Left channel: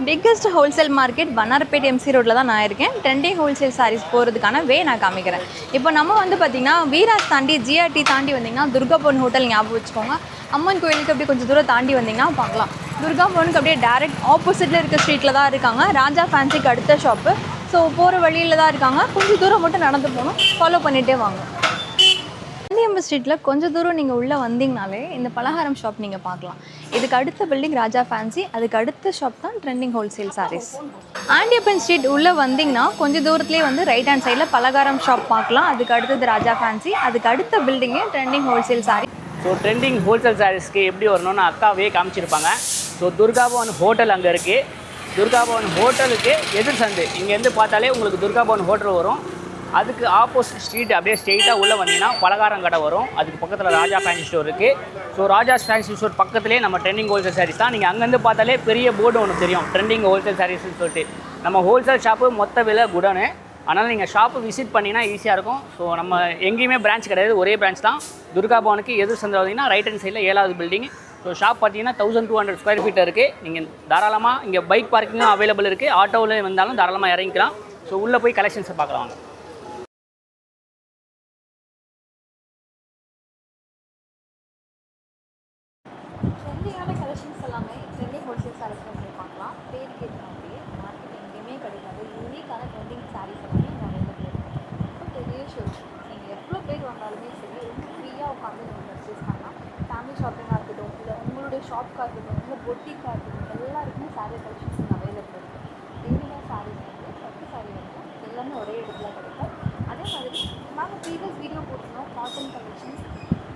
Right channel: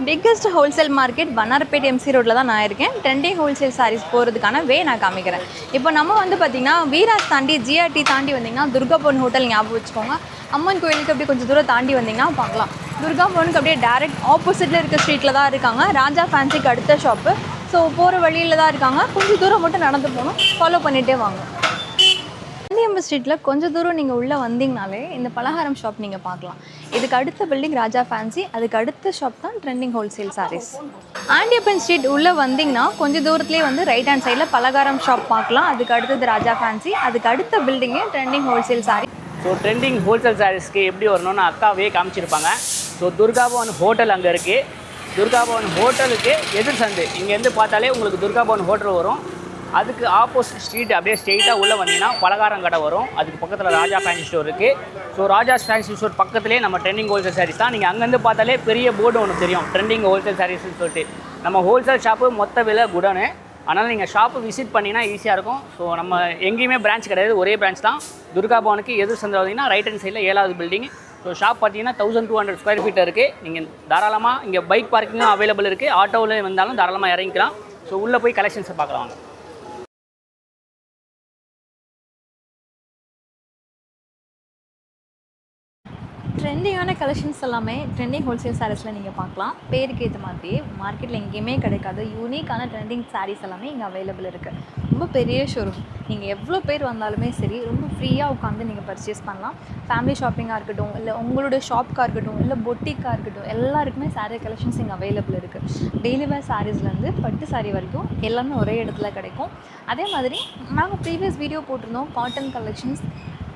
Biggest wholesale market Vannarapet MC ரோட்டில் தான் நான் இருக்கேன். ட்ரெண்டிங் ஹோல்சேல் சாரீஸ் போகிறதுக்கான நான் காமிக்கிறேன். இப்போ நம்ம வந்து பார்த்திங்கன்னா வீராஸ் தாண்டி ஜிஆர்டி தாண்டி வந்திங்கன்னா துர்கா பவன் ஹோட்டல் ஞாபகம் வச்சுக்கோங்க. அம்மன் கோயிலுக்கு அப்படியே கொஞ்சம் தூரம் தாண்டி வந்திங்கன்னா பார்க்கலாம். துர்கா பவனுக்கு அப்படியே டேரெக்ட் ஆப்போசிட்டில் இருக்க ஸ்ட்ரீட்டில் தான் இருக்காங்க. ராஜா ஃபேன்சிக்கு அடுத்த ஷாப்பு. ஸோ போகிற வழியில் தான் இருக்காங்க. கொஞ்சம் தூரம் மட்டும் நடந்து போகணும். ஃபாலோ பண்ணிகிட்டே வாங்க. காந்தியம்பு ஸ்ட்ரீட்டில் கொஞ்சம் தூரம் நீங்கள் உள்ளே வந்தீங்கனாலே இந்த பலகாரம் ஷாப் நீங்கள் பார்க்கலாம். இதுக்கு அடுத்த பில்டிங் ராஜா ஃபேன்சி, அதுக்கு அடுத்த ஷாப் தான் trending wholesale sarees. Andiyappan street உள்ளே வந்தீங்கன்னா கொஞ்சம் தூரத்துலேயே வந்து ரைட் ஹேண்ட் சைடில் பலகாரம் ஷாப் பார்க்கலாம். அதுக்கு அடுத்தது ராஜா ஃபேன்சி, அதுக்கு அடுத்த பில்டிங்கே trending wholesale sari. So trending wholesale சாரீஸ்க்கு எப்படி வரணும்னு அக்காவே காமிச்சிருப்பாங்க. ஸோ துர்கா பவன் ஹோட்டல் அங்கே இருக்குது. துர்கா பவன் ஹோட்டலுக்கு எதிர் சந்து இங்கேருந்து பார்த்தாலே உங்களுக்கு துர்கா பவன் ஹோட்டல் வரும். அதுக்கு ஆப்போசிட் ஸ்ட்ரீட் அப்படியே ஸ்ட்ரெயிட்டாக உள்ளே வந்தீங்கன்னா பலகாரம் கடை வரும். அதுக்கு பக்கத்தில் ராஜா ஃபேன்சி ஸ்டோர் இருக்குது. ஸோ ராஜா ஃபேன்சி ஸ்டோர் பக்கத்துலேயே நம்ம ட்ரெண்டிங் ஹோல்சேல் சாரீஸ் தான். நீங்கள் அங்கேருந்து பார்த்தாலே பெரிய போர்டு ஒன்று தெரியும், ட்ரெண்டிங் ஹோல்சேல் சாரீஸ்னு சொல்லிட்டு. நம்ம ஹோல்சேல் ஷாப்பு மொத்த விலை குடனு. அதனால் நீங்கள் ஷாப்பு விசிட் பண்ணிங்கன்னா ஈஸியாக இருக்கும். ஸோ நம்ம எங்கேயுமே பிரான்ச் கிடையாது, ஒரே பிரான்ச் தான். துர்கா பவனுக்கு எதிர் சந்தில் வந்தீங்கன்னா ரைட் ஹேண்ட் சைடில் 7வது பில்டிங். ஸோ ஷாப் பார்த்தீங்கன்னா 1200 ஸ்கொயர் ஃபீட் இருக்குது. நீங்கள் தாராளமாக இங்கே பைக் பார்க்கிங்கும் அவைலபிள் இருக்குது. ஆட்டோவில் வந்தாலும் தாராளமாக இறங்கிக்கலாம். ஸோ உள்ளே போய் கலெக்ஷன்ஸை பார்க்கலாம். ட்ரெண்டிங்கான கலெக்ஷன்ஸ் எல்லாமே ட்ரெண்டிங் ஹோல்சேல் சாரீஸில் நீங்கள் பார்க்கலாம். பேருக்கு ஏற்ற மாதிரி மார்க்கெட்டில் எங்கேயுமே கிடைக்காத யூனிக்கான ட்ரெண்டிங் சாரீஸ் எல்லாமே இங்கே அவைலபிள் இருக்குது. ரொம்ப பெரிய ஷோரூம். நீங்கள் எவ்வளோ பேர் வந்தாலுமே சரி, ரொம்ப ஃப்ரீயாக உட்காந்து நீங்கள் பர்ச்சேஸ் பண்ணலாம். ஃபேமிலி ஷாப்பிங்காக இருக்கட்டும், இல்லை உங்களுடைய ஷாப்காக இருக்கட்டும், இல்லை பொட்டிக்காக இருக்கட்டும், எல்லாருக்குமே சாரீ கலெக்ஷன்ஸ் இங்கே அவைலபிள் இருக்குது. டெய்லி வேர் சாரீஸ்லேருந்து பட்டு சாரீ வரைக்கும் எல்லாமே ஒரே இடத்துல கிடைக்கும். அதே மாதிரி நாங்கள் ப்ரீவியஸ் வீடியோ போட்டிருந்தோம், காட்டன் கலெக்ஷன்ஸ்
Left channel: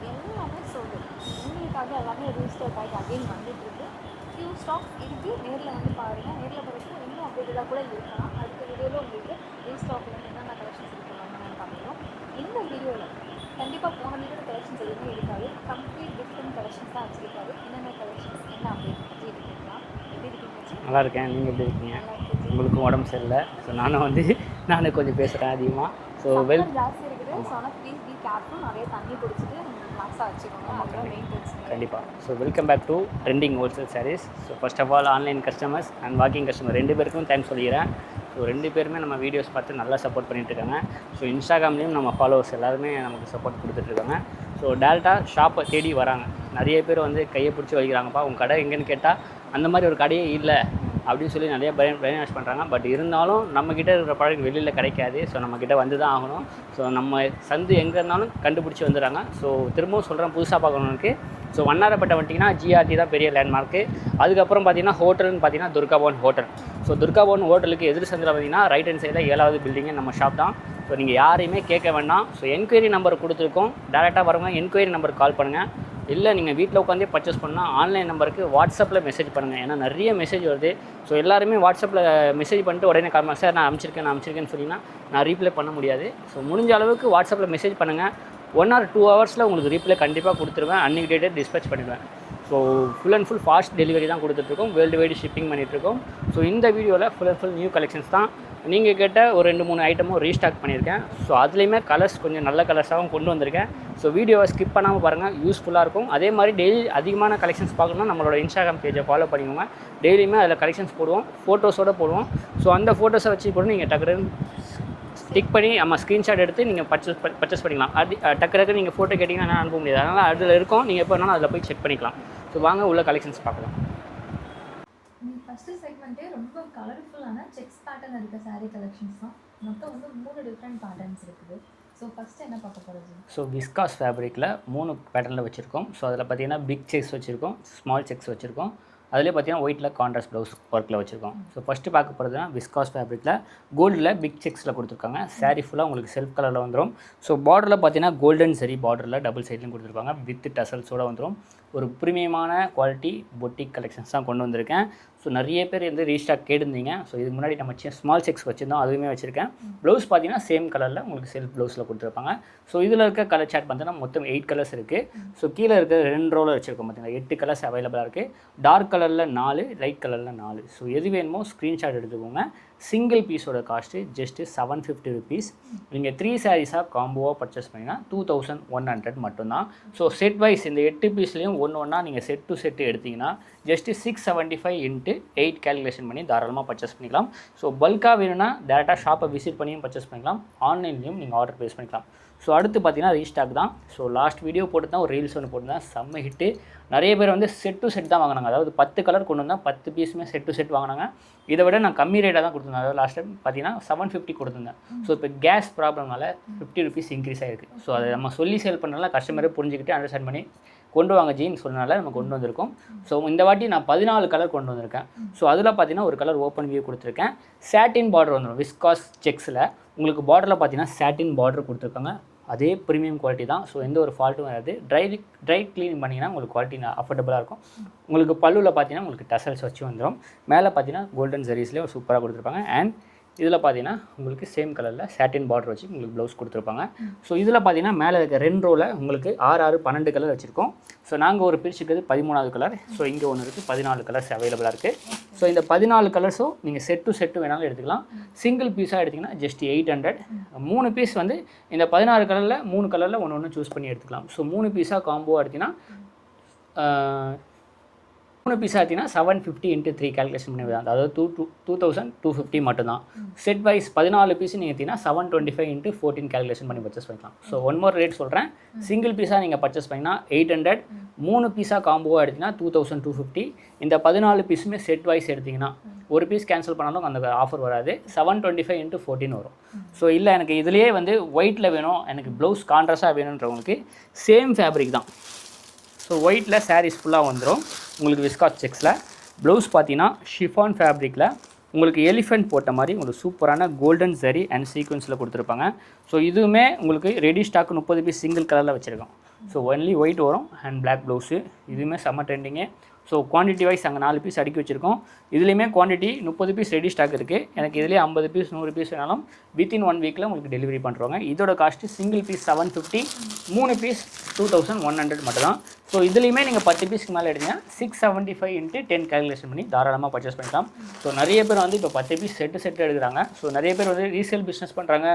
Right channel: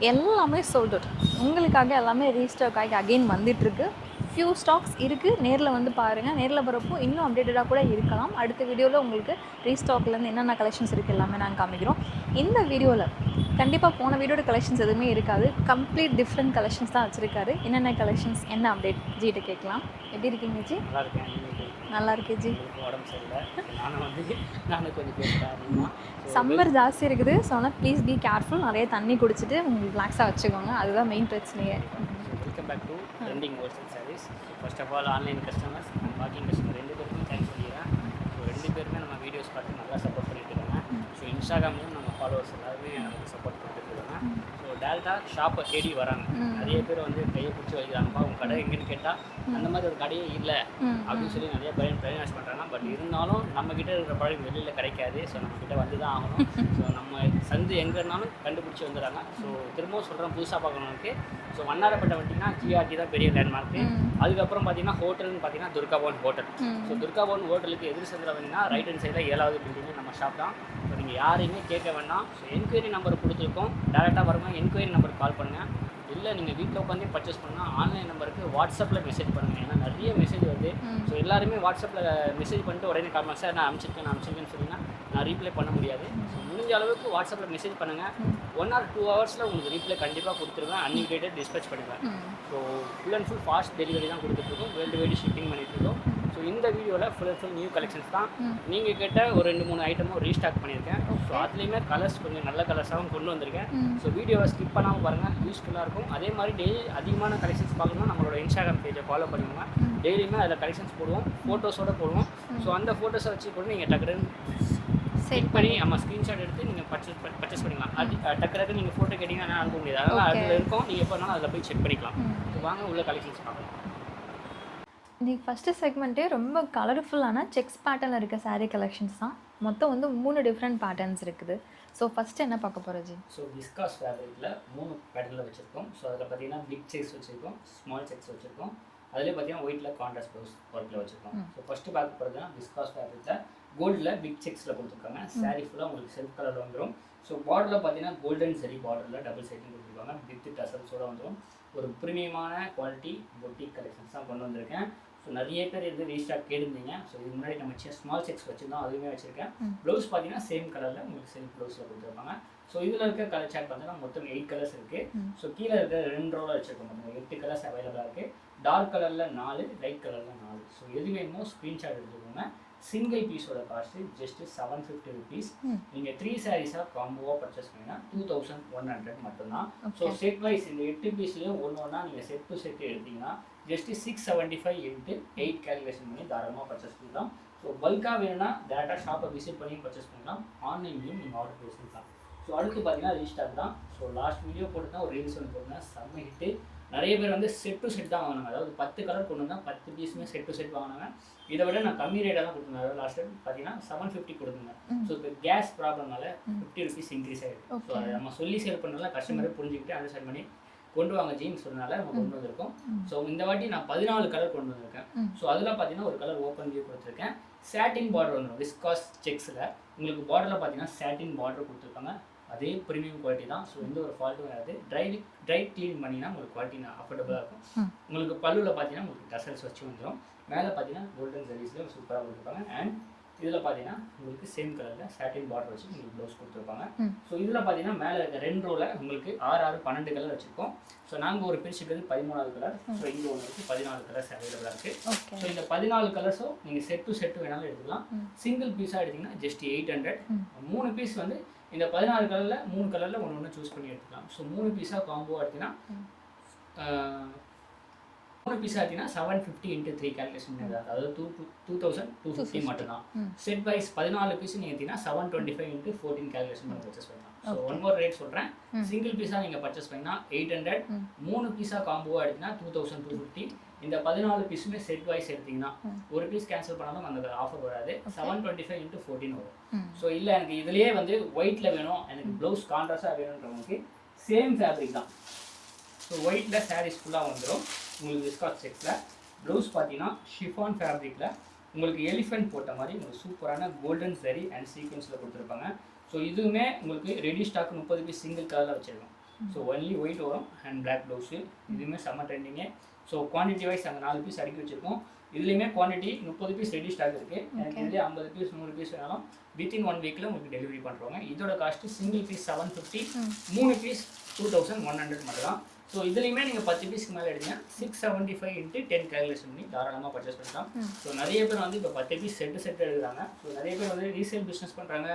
எல்லாமே சோல்ட் அவுட். உங்களுக்காக எல்லாமே ரீஸ்டாக் ஆகி அகெயின் வந்துட்டுருக்கு. ஃபியூ ஸ்டாக்ஸ் இருக்குது. நேரில் வந்து பாருங்கள். நேரில் வரப்போ இன்னும் அப்டேட்டடாக கூட இருக்கலாம். அடுத்த வீடியோவில் உங்களுக்கு ரீஸ்டாக்லேருந்து என்னென்ன கலெக்ஷன்ஸ் இருக்குது எல்லாமே நாங்கள் காமிக்கிறோம். இந்த வீடியோவில் கண்டிப்பாக போன வீடியோட கலெக்ஷன்ஸ் எதுவுமே இருக்காது. கம்ப்ளீட் டிஃப்ரெண்ட் கலெக்ஷன்ஸ் தான் வச்சுருக்காரு. என்னென்ன கலெக்ஷன்ஸ், என்ன அப்டேட் ஜிகிட்ட கேட்கலாம். எப்படி இருக்கீங்க ஜி? நல்லா இருக்கேன். நீங்கள் எப்படி இருக்கீங்க? நல்லா இருக்கேன் ஜி. உங்களுக்கும் உடம்பு சரியில்லை. ஸோ நானே கொஞ்சம் பேசுகிறேன் அதிகமாக. ஸோ சம்மர் ஜாஸ்தி இருக்குது. ஸோ ஆனால் ப்ளீஸ் பி கேர்ஃபுல். நிறைய தண்ணி குடிச்சிட்டு உங்களுக்கு ரிலாக்ஸாக வச்சுக்கோங்க. அதுதான் மெயின் பிரச்சனையே. கண்டிப்பாக. So welcome back to trending wholesale sarees. So first of all online customers and walking customer 2 பேருக்கும் தேங்க்ஸ் சொல்லிக்கிறேன். ஸோ 2 பேருமே நம்ம வீடியோஸ் பார்த்து நல்லா சப்போர்ட் பண்ணிட்டுருக்காங்க. ஸோ இன்ஸ்டாகிராம்லேயும் நம்ம ஃபாலோவர்ஸ் எல்லாருமே நமக்கு சப்போர்ட் கொடுத்துட்ருக்காங்க. ஸோ டேரெக்டாக ஷாப்பை தேடி வராங்க. நிறைய பேர் வந்து கையை பிடிச்சி வைக்கிறாங்கப்பா உங்கள் கடை எங்கேன்னு கேட்டால் அந்த மாதிரி ஒரு கடையே இல்லை அப்படின்னு சொல்லி நிறைய பிரெயின் வாஷ் பண்ணுறாங்க. பட் இருந்தாலும் நம்மக்கிட்ட இருக்கிற ப்ராடக்ட் வெளியில் கிடைக்காது. ஸோ நம்மக்கிட்ட வந்து தான் ஆகணும். ஸோ நம்ம சந்து எங்கே இருந்தாலும் கண்டுபிடிச்சி வந்துடுறாங்க. ஸோ திரும்பவும் சொல்கிறேன், புதுசாக பார்க்கணுக்கு ஸோ வண்ணாரப்பேட்டை வந்துட்டிங்கன்னா ஜிஆர்டி தான் பெரிய லேண்ட்மார்க்கு. அதுக்கப்புறம் பார்த்தீங்கன்னா ஹோட்டல்னு பார்த்தீங்கன்னா துர்கா பவன் ஹோட்டல். ஸோ துர்கா பவன் ஹோட்டலுக்கு எதிர் சந்தில் பார்த்தீங்கன்னா ரைட் ஹேண்ட் சைடில் 7வது பில்டிங்கே நம்ம ஷாப் தான். ஸோ நீங்கள் யாரையுமே கேட்க வேண்டாம். ஸோ என்கொயரி நம்பர் கொடுத்துருக்கோம். டேரெக்டாக வரவங்க என்கொயரி நம்பருக்கு கால் பண்ணுங்கள். இல்லை நீங்கள் வீட்டில் உட்காந்தே பர்ச்சேஸ் பண்ணால் ஆன்லைன் நம்பருக்கு வாட்ஸ்அப்பில் மெசேஜ் பண்ணுங்கள். ஏன்னா நிறைய மெசேஜ் வருது. ஸோ எல்லாருமே வாட்ஸ்அப்பில் மெசேஜ் பண்ணிட்டு உடனே கால் பண்ண சார் நான் அனுப்பிச்சிருக்கேன்னு சொன்னீங்கன்னா நான் ரீப்ளை பண்ண முடியாது. ஸோ முடிஞ்ச அளவுக்கு வாட்ஸ்அப்பில் மெசேஜ் பண்ணுங்கள். 1 or 2 ஹவர்ஸில் உங்களுக்கு ரீப்ளை கண்டிப்பாக கொடுத்துருவேன். அன்னைக்கு டேட்டே டிஸ்பேச் பண்ணிடுவேன். So full and full fast delivery தான் கொடுத்துட்ருக்கோம். வேர்ல்டு வைடு ஷிப்பிங் பண்ணிகிட்ருக்கோம். ஸோ இந்த வீடியோவில் full and full new collections தான். நீங்கள் கேட்ட ஒரு 2-3 ஐட்டமும் ரீஸ்டாக் பண்ணியிருக்கேன். ஸோ அதுலேயுமே கலர்ஸ் கொஞ்சம் நல்ல கலர்ஸாகவும் கொண்டு வந்திருக்கேன். ஸோ வீடியோவை ஸ்கிப் பண்ணாமல் பாருங்கள், யூஸ்ஃபுல்லாக இருக்கும். அதே மாதிரி டெய்லி அதிகமான கலெக்ஷன்ஸ் பார்க்கணும்னா நம்மளோட இன்ஸ்டாகிராம் பேஜை ஃபாலோ பண்ணிக்கோங்க. டெய்லியுமே அதில் கலெக்ஷன்ஸ் போடுவோம், ஃபோட்டோஸோடு போடுவோம். ஸோ அந்த ஃபோட்டோஸை வச்சு கூட நீங்கள் டக்குன்னு டிக் பண்ணி நம்ம ஸ்க்ரீன்ஷாட் எடுத்து நீங்கள் பர்ச்சேஸ் பண்ணிக்கலாம். அது டக்கு நீங்கள் ஃபோட்டோ கேட்டிங்கன்னா நான் அனுப்ப முடியாது. அதனால் அதில் இருக்கும். நீங்கள் எப்போ வேணாலும் அதில் போய் செக் பண்ணிக்கலாம். ஸோ வாங்க உள்ள கலெக்ஷன்ஸ் பார்க்கலாம். இன்றைக்கி ஃபஸ்ட்டு செக்மெண்ட்டே ரொம்ப கலர்ஃபுல்லான செக்ஸ் பேட்டர்னில் இருக்க சாரீ கலெக்ஷன்ஸ் தான். மொத்தம் வந்து 3 டிஃப்ரெண்ட் பேட்டர்ன்ஸ் இருக்குது. ஸோ ஃபஸ்ட்டு என்ன பார்க்க போகிறோம் ஜி? ஸோ விஸ்காஸ் ஃபேப்ரிக்கில் 3 பேட்டர்னில் வச்சுருக்கோம். ஸோ அதில் பார்த்தீங்கன்னா பிக் செக்ஸ் வச்சுருக்கோம், ஸ்மால் செக்ஸ் வச்சுருக்கோம். அதிலே பார்த்தீங்கன்னா ஒயிட்டில் கான்ட்ராஸ்ட் ப்ளவுஸ் ஒர்க்கில் வச்சுருக்கோம். ஸோ ஃபஸ்ட்டு பார்க்க போகிறதுனா விஸ்காஸ் ஃபேப்ரிக்கில் கோல்டில் பிக் செக்ஸில் கொடுத்துருக்காங்க. சாரீ ஃபுல்லாக உங்களுக்கு செல்ஃப் கலரில் வந்துடும். ஸோ பார்டரில் பார்த்தீங்கன்னா கோல்டன் சரி பார்டரில் டபுள் சைட்லையும் கொடுத்துருப்பாங்க. வித் டசல்ஸோடு வந்துடும். ஒரு ப்ரீமியமான குவாலிட்டி பொட்டிக் கலெக்ஷன்ஸ் தான் கொண்டு வந்திருக்கேன். ஸோ நிறைய பேர் வந்து ரீஸ்டாக் கேட்டிருந்தீங்க. ஸோ இதுக்கு முன்னாடி நம்ம ஸ்மால் செக்ஸ் வச்சுருந்தோம், அதுவுமே வச்சுருக்கேன். ப்ளவுஸ் பார்த்தீங்கன்னா சேம் கலரில் உங்களுக்கு செல்ஃப் ப்ளவுஸில் கொடுத்துருப்பாங்க. ஸோ இதில் இருக்க கலர் சார்ட் பார்த்தீங்கன்னா மொத்தம் 8 கலர்ஸ் இருக்குது. ஸோ கீழே இருக்கிற 2 ரோவில் வச்சுருக்கோம் பார்த்தீங்கன்னா 8 கலர்ஸ் அவைலபிளாக இருக்குது. டார்க் கலரில் 4, லைட் கலரில் 4. ஸோ எது வேணுமோ ஸ்க்ரீன்ஷாட் எடுத்துக்கோங்க. சிங்கிள் பீஸோட காஸ்ட்டு ஜஸ்ட்டு 750 ருபீஸ். நீங்கள் 3 சாரீஸாக காம்போவாக பர்ச்சேஸ் பண்ணிங்கன்னா 2100 மட்டும்தான். ஸோ செட் வைஸ் இந்த 8 பீஸ்லேயும் ஒன்று ஒன்றா நீங்கள் செட் டு செட்டு எடுத்திங்கன்னா ஜஸ்ட்டு 675 இன்ட்டு 8 கேல்குலேஷன் பண்ணி தாராளமாக பர்ச்சேஸ் பண்ணிக்கலாம். ஸோ பல்காக வேணும்னா டேரெக்டாக ஷாப்பை விசிட் பண்ணியும் பர்ச்சேஸ் பண்ணிக்கலாம், ஆன்லைன்லேயும் நீங்கள் ஆர்டர் ப்ளேஸ் பண்ணிக்கலாம். ஸோ அடுத்து பார்த்தீங்கன்னா ரீஸ்டாக் தான். ஸோ லாஸ்ட் வீடியோ போட்டு தான் ஒரு ரீல்ஸ் ஒன்று போட்டு தான் செம்ம ஹிட்டு. நிறைய பேர் வந்து செட் டு செட் தான் வாங்கினாங்க, அதாவது 10 கலர் கொண்டு வந்தால் 10 பீஸுமே செட் டு செட் வாங்கினாங்க. இதை விட நான் கம்மி ரேட்டாக தான் கொடுத்துருந்தேன், அதாவது லாஸ்ட் டைம் பார்த்தீங்கன்னா 750 கொடுத்துருந்தேன். ஸோ இப்போ கேஸ் ப்ராப்ளம்னால 50 ருபீஸ் இன்க்ரீஸ் ஆகிருக்கு. ஸோ அதை நம்ம சொல்லி சேல் பண்ணனால கஸ்டமரே புரிஞ்சுக்கிட்டு அண்டர்ஸ்டாண்ட் பண்ணி கொண்டு வாங்க ஜீன்னு சொன்னனால நம்ம கொண்டு வந்திருக்கோம். ஸோ இந்த வாட்டி நான் 14 கலர் கொண்டு வந்திருக்கேன். ஸோ அதில் பார்த்தீங்கன்னா ஒரு கலர் ஓப்பன் வியூ கொடுத்துருக்கேன். சாட்டின் பார்டர் வந்துடும் விஸ்காஸ் செக்ஸில். உங்களுக்கு பார்டரில் பார்த்தீங்கன்னா சாட்டின் பார்டர் கொடுத்துருக்காங்க, அதே ப்ரீமியம் குவாலிட்டி தான். ஸோ எந்த ஒரு ஃபால்ட்டும் வராது. ட்ரை க்ளீன் பண்ணிங்கன்னா உங்களுக்கு குவாலிட்டி அஃபோர்டபுளாக இருக்கும். உங்களுக்கு பல்லுவில் பார்த்தீங்கன்னா உங்களுக்கு டசல்ஸ் வச்சு வந்துடும். மேலே பார்த்தீங்கன்னா கோல்டன் ஜெரீஸ்லேயே ஒரு சூப்பராக கொடுத்துருப்பாங்க. அண்ட் இதில் பார்த்தீங்கன்னா உங்களுக்கு சேம் கலரில் சாட்டின் பார்டர் வச்சு உங்களுக்கு ப்ளவுஸ் கொடுத்துருப்பாங்க. ஸோ இதில் பார்த்தீங்கன்னா மேலே இருக்க 2 ரோவில் உங்களுக்கு 6, 12 கலர் வச்சுருக்கோம். ஸோ நாங்கள் ஒரு பிரிச்சுக்கிறது 13வது கலர். ஸோ இங்கே ஒன்று இருக்குது, 14 கலர்ஸ் அவைலபிளாக இருக்குது. ஸோ இந்த 14 கலர்ஸும் நீங்கள் செட்டு வேணாலும் எடுத்துக்கலாம். சிங்கிள் பீஸாக எடுத்திங்கன்னா ஜஸ்ட் 800. 3 பீஸ் வந்து இந்த 16 கலரில் 3 கலரில் ஒன்று ஜூஸ் பண்ணி எடுத்துக்கலாம். ஸோ 3 பீஸாக காம்போவாக எடுத்திங்கன்னா 3 பீஸாக எடுத்திங்கன்னா 750 இன்ட்டு 3 கேல்குலேஷன் பண்ணி தான், அதாவது 2250 மட்டும்தான். செட் வைஸ் 14 பீஸ் நீங்கள் எடுத்திங்கன்னா 725 இன்ட்டு 14 கேல்குலேஷன் பண்ணி பர்ச்சேஸ் பண்ணிக்கலாம். ஸோ ஒன் மோர் ரேட் சொல்கிறேன். சிங்கிள் பீஸாக நீங்கள் பர்ச்சேஸ் பண்ணிங்கன்னா 800, 3 பீஸாக காம்போவாக எடுத்திங்கன்னா 2250. இந்த 14 பீஸுமே செட் வைஸ் எடுத்திங்கன்னா ஒரு பீஸ் கேன்சல் பண்ணாலும் அந்த ஆஃபர் வராது, 725 இன்ட்டு 14 வரும். ஸோ இல்லை எனக்கு இதுலேயே வந்து ஒயிட்டில் வேணும், எனக்கு ப்ளவுஸ் கான்ட்ராஸ்டாக வேணுன்றவங்களுக்கு சேம் ஃபேப்ரிக் தான். ஸோ ஒயிட்டில் சாரீஸ் ஃபுல்லாக வந்துடும் உங்களுக்கு விஸ்காஸ் செக்ஸில். ப்ளவுஸ் பார்த்தீங்கன்னா ஷிஃபான் ஃபேப்ரிக்கில் உங்களுக்கு எலிஃபெண்ட் போட்ட மாதிரி உங்களுக்கு சூப்பரான கோல்டன் ஜரி அண்ட் சீக்வன்ஸில் கொடுத்துருப்பாங்க. ஸோ இதுவுமே உங்களுக்கு ரெடி ஸ்டாக் 30 பீஸ் சிங்கிள் கலரில் வச்சுருக்கோம். ஸோ ஒன்லி ஒயிட் வரும் அண்ட் பிளாக் ப்ளவுஸு. இதுவுமே செம்ம ட்ரெண்டிங்கே. ஸோ குவான்டிட்டி வைஸ் அங்கே 4 பீஸ் அடுக்கி வச்சுருக்கோம். இதுலேயுமே குவான்டிட்டி 30 பீஸ் ரெடி ஸ்டாக் இருக்குது. எனக்கு இதுலேயே 50 பீஸ் 100 பீஸ் வேணாலும் வித்தின் 1 வீக்கில் உங்களுக்கு டெலிவரி பண்ணுறோங்க. இதோட காஸ்ட்டு சிங்கிள் பீஸ் 750, 3 பீஸ் 2100 மட்டும் தான். ஸோ இதுலேயுமே நீங்கள் 10 பீஸ்க்கு மேலே எடுத்தீங்கன்னா 675 இன்ட்டு 10 கேல்குலேஷன் பண்ணி தாராளமாக பர்ச்சேஸ் பண்ணிக்கலாம். ஸோ நிறைய பேர் வந்து இப்போ 10 பீஸ் செட்டு எடுக்கிறாங்க. ஸோ நிறைய பேர் வந்து ரீசேல் பிஸ்னஸ் பண்ணுறாங்க,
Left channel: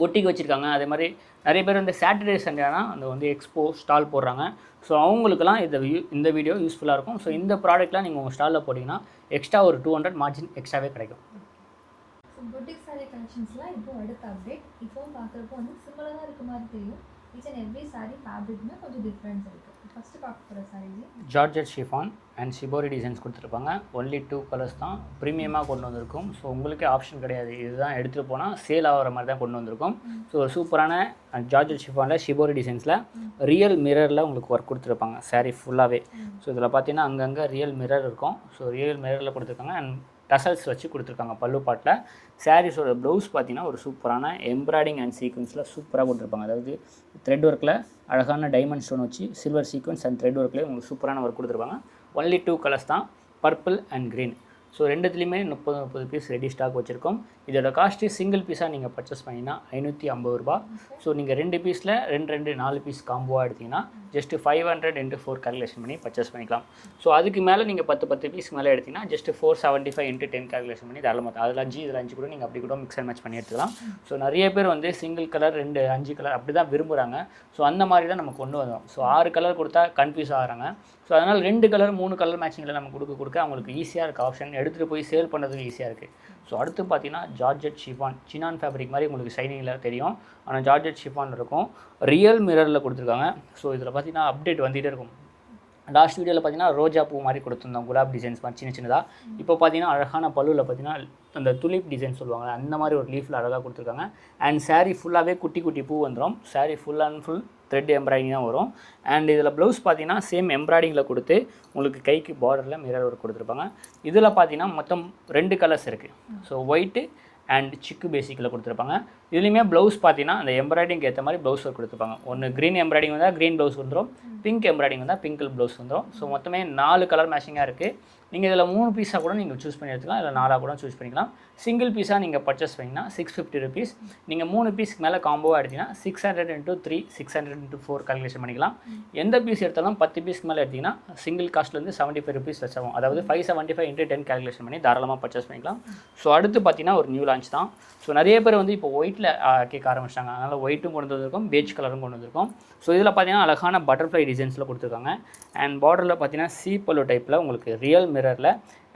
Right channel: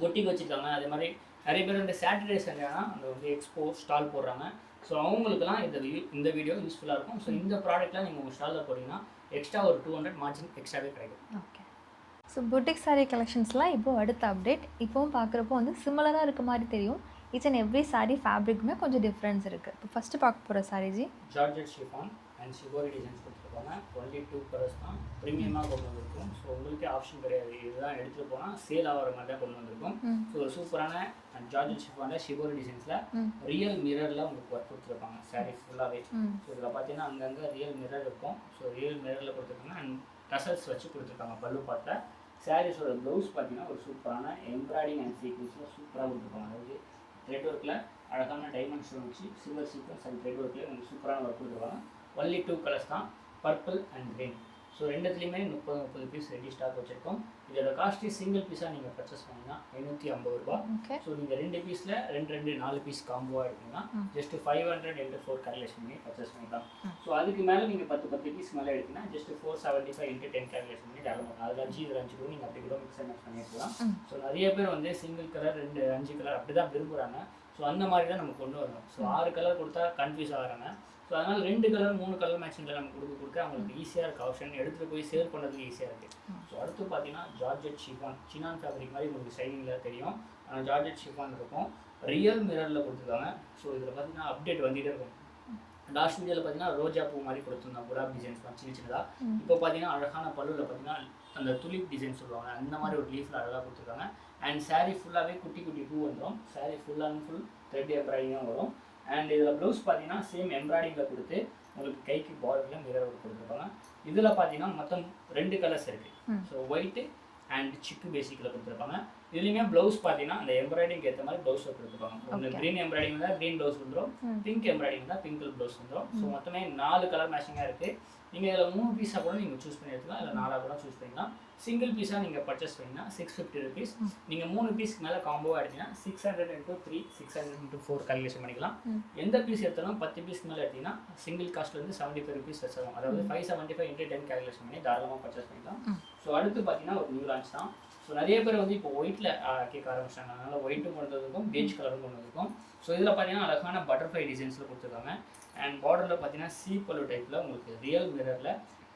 பொட்டிக்கு வச்சுருக்காங்க. அதே மாதிரி நிறைய பேர் வந்து சாட்டர்டே சண்டேனா அந்த வந்து எக்ஸ்போ ஸ்டால் போடுறாங்க. ஸோ அவங்களுக்குலாம் இந்த வீடியோ யூஸ்ஃபுல்லாக இருக்கும். ஸோ இந்த ப்ராடக்ட்லாம் நீங்கள் உங்கள் ஸ்டாலில் போட்டிங்கன்னா எக்ஸ்ட்ரா ஒரு 200 மார்ஜின் எக்ஸ்ட்ராவே கிடைக்கும். ஸோ புட்டிக் சாரீ கலெக்ஷன்ஸ்லாம் இப்போது அடுத்த அப்டேட். இப்போவும் பார்க்குறப்போ வந்து சிமிலராக இருக்க மாதிரி தெரியும். ஈச் அண்ட் எவ்ரி சாரீ ஃபேப்ரிக்குமே கொஞ்சம் டிஃப்ரென்ஸ் இருக்குது. இப்போ ஃபஸ்ட்டு பார்க்க போகிற சாரீஜி georgette chiffon and shibori designs கொடுத்துருப்பாங்க. ஒன்லி 2 கலர்ஸ் தான் ப்ரீமியமாக கொண்டு வந்திருக்கும். ஸோ உங்களுக்கு ஆப்ஷன் கிடையாது, இதுதான் எடுத்துகிட்டு போனால் சேல் ஆகிற மாதிரி தான் கொண்டு வந்திருக்கும். ஸோ சூப்பரான ஜார்ஜெட் ஷிஃபானில் ஷிபோரி டிசைன்ஸில் ரியல் மிரரில் உங்களுக்கு ஒர்க் கொடுத்துருப்பாங்க சாரீ ஃபுல்லாகவே. ஸோ இதில் பார்த்தீங்கன்னா அங்கங்கே ரியல் மிரர் இருக்கும். ஸோ ரியல் மிரரில் கொடுத்துருக்காங்க அண்ட் டசல்ஸ் வச்சு கொடுத்துருக்காங்க பல்லு பாட்டில். சாரீஸோட ப்ளவுஸ் பார்த்தீங்கன்னா ஒரு சூப்பரான எம்ப்ராய்டிங் அண்ட் சீக்வன்ஸில் சூப்பராக கொடுத்துருப்பாங்க. அதாவது த்ரெட் ஒர்க்கில் அழகான டைமண்ட் ஸ்டோன் வச்சு சில்வர் சீக்வன்ஸ் அண்ட் த்ரெட் ஒர்க்லேயே உங்களுக்கு சூப்பரான ஒர்க் கொடுத்துருப்பாங்க. ஒன்லி 2 கலர்ஸ் தான், பர்பிள் அண்ட் க்ரீன். ஸோ ரெண்டுத்துலேயுமே 30 பீஸ் ரெடி ஸ்டாக் வச்சுருக்கோம். இதோட காஸ்ட்டு சிங்கிள் பீஸாக நீங்கள் பர்ச்சேஸ் பண்ணிங்கன்னா 550 ரூபா. ஸோ நீங்கள் 2 பீஸில் 4 பீஸ் காம்போவாக எடுத்திங்கன்னா ஜஸ்ட்டு 500 இன்ட்டு 4 கால்குலேஷன் பண்ணி பர்ச்சேஸ் பண்ணிக்கலாம். ஸோ அதுக்கு மேலே நீங்கள் 10 பீஸ் மேலே எடுத்திங்கன்னா ஜஸ்ட்டு 475 இன்ட்டு 10 கால்குலேஷன் பண்ணி தாராளமாக அதில் 5 இதில் 5 கூட நீங்கள் அப்படி கூட மிக்ஸ் அண்ட் மேட்ச் பண்ணி எடுத்துக்கலாம். ஸோ நிறைய பேர் வந்து சிங்கிள் கலர் 2, 5 கலர் அப்படி தான் விரும்புகிறாங்க. ஸோ அந்த மாதிரி தான் நம்ம கொண்டு வரோம். ஸோ 6 கலர் கொடுத்தா கன்ஃபியூஸ் ஆகிறாங்க. ஸோ அதனால் 2 கலர் 3 கலர் மேட்சிங்கில் நம்ம கொடுக்க அவங்களுக்கு ஈஸியாக இருக்க ஆப்ஷன், எடுத்துகிட்டு போய் சேல் பண்ணுறதுக்கு ஈஸியாக இருக்குது. ஸோ அடுத்து பார்த்தீங்கன்னா ஜார்ஜெட் ஷிஃபான், சினான் ஃபேப்ரிக் மாதிரி உங்களுக்கு ஷைனிங்கில் தெரியும், ஆனால் ஜார்ஜெட் ஷிஃபான் இருக்கும். ரியல் மிரரில் கொடுத்துருக்காங்க. ஸோ இதில் பார்த்தீங்கன்னா அப்டேட் வந்துகிட்டே இருக்கும். லாஸ்ட் வீடியோவில் பார்த்தீங்கன்னா ரோஜா பூ மாதிரி கொடுத்துருந்தோம், குலாப் டிசைன்ஸ் மாதிரி சின்னதாக. இப்போ பார்த்தீங்கன்னா அழகான பல்லுவில் பார்த்தீங்கன்னா அந்த துலிப் டிசைன் சொல்லுவாங்க, அந்த மாதிரி ஒரு லீஃபில் அழகாக கொடுத்துருக்காங்க. அண்ட் சாரீ ஃபுல்லாகவே குட்டி பூ வந்துடும். Saree full and full thread embroidering தான் வரும். அண்ட் இதில் ப்ளவுஸ் பார்த்தீங்கன்னா சேம் எம்ப்ராய்டிங்கில் கொடுத்து உங்களுக்கு கைக்கு பார்டரில் மிரர் ஒர்க் கொடுத்துருப்பாங்க. இதில் பார்த்தீங்கன்னா மொத்தம் 2 கலர்ஸ் இருக்குது. ஸோ ஒயிட்டு அண்ட் சிக்கு பேசிக்கில் கொடுத்துருப்பாங்க. இதுலேயுமே ப்ளவுஸ் பார்த்தீங்கன்னா அந்த எம்ப்ராய்டிங்க்கு ஏற்ற மாதிரி ப்ளவுஸ் ஒர்க் கொடுத்துருப்பாங்க. ஒன்று க்ரீன் எம்ப்ராய்டிங் வந்தால் க்ரீன் ப்ளவுஸ் வந்துடும், பிங்க் எம்ப்ராய்டிங் வந்தால் பிங்க் ப்ளவுஸ் வந்துடும். ஸோ மொத்தமே 4 கலர் மேட்சிங்காக இருக்குது. நீங்கள் இதில் 3 பீஸாக கூட நீங்கள் சூஸ் பண்ணி எடுத்துக்கலாம், இல்லை 4 கூட சூஸ் பண்ணிக்கலாம். சிங்கிள் பீஸாக நீங்கள் பர்ச்சேஸ் பண்ணிங்கன்னா 650 ருபீஸ். நீங்கள் 3 பீஸ்க்கு மேலே காம்போவாக எடுத்திங்கன்னா 600 இன்ட்டு 3, 600 இன்ட்டு 4 கால்குலேஷன் பண்ணிக்கலாம். எந்த பீஸ் எடுத்தாலும் 10 பீஸ்க்கு மேலே எடுத்திங்கன்னா சிங்கிள் காஸ்ட்லேருந்து 75 ருபீஸ் லெஸ் ஆகும். அதாவது 575 இன்ட்டு 10 கால்குலேஷன் பண்ணி தாராளமாக பர்ச்சேஸ் பண்ணிக்கலாம். ஸோ அடுத்து பார்த்தீங்கன்னா ஒரு நியூ லான்ச் தான். ஸோ நிறைய பேர் வந்து இப்போ ஒயிட்டில் ஒயிட்டில் கேட்க ஆரம்பிச்சிட்டாங்க. அதனால் ஒயிட்டும் கொண்டு வந்திருக்கோம், பேஜ் கலரும் கொண்டு வந்திருக்கோம். ஸோ இதில் பார்த்தீங்கன்னா அழகான பட்டர்ஃப்ளை டிசைன்ஸில் கொடுத்துருக்காங்க. அண்ட் பார்டரில் பார்த்தீங்கன்னா சீப்பல்லோ டைப்பில் உங்களுக்கு ரியல் மிரரில்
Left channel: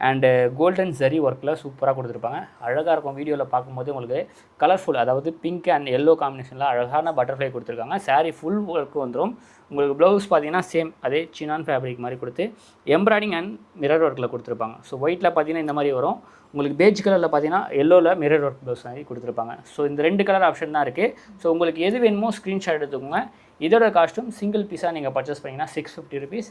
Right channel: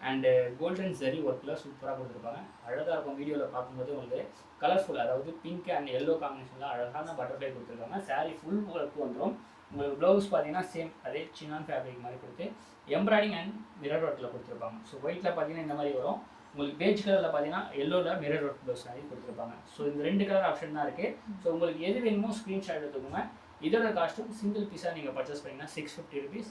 அண்டு கோல்டன் ஜரி ஒர்க்கில் சூப்பராக கொடுத்துருப்பாங்க. அழகாக இருக்கும். வீடியோவில் பார்க்கும்போது உங்களுக்கு கலர்ஃபுல், அதாவது பிங்க் அண்ட் எல்லோ காம்பினேஷனில் அழகான பட்டர்ஃப்ளை கொடுத்துருக்காங்க. சாரீ ஃபுல் ஒர்க்கு வந்துடும். உங்களுக்கு ப்ளவுஸ் பார்த்தீங்கன்னா சேம் அதே சினான் ஃபேப்ரிக் மாதிரி கொடுத்து எம்ப்ராய்டிங் அண்ட் மிரர் ஒர்க்கில் கொடுத்துருப்பாங்க. ஸோ ஒயிட்டில் பார்த்தீங்கன்னா இந்த மாதிரி வரும். உங்களுக்கு பேஜ் கலரில் பார்த்தீங்கன்னா எல்லோவில் மிரர் ஒர்க் ப்ளவுஸ் மாதிரி கொடுத்துருப்பாங்க. ஸோ இந்த 2 கலர் ஆப்ஷன் தான் இருக்குது. ஸோ உங்களுக்கு எது வேணுமோ ஸ்க்ரீன்ஷாட் எடுத்துக்கோங்க. இதோட காஸ்ட்டும் சிங்கிள் பீஸாக நீங்கள் பர்ச்சேஸ் பண்ணிங்கன்னா 650 ருபீஸ்,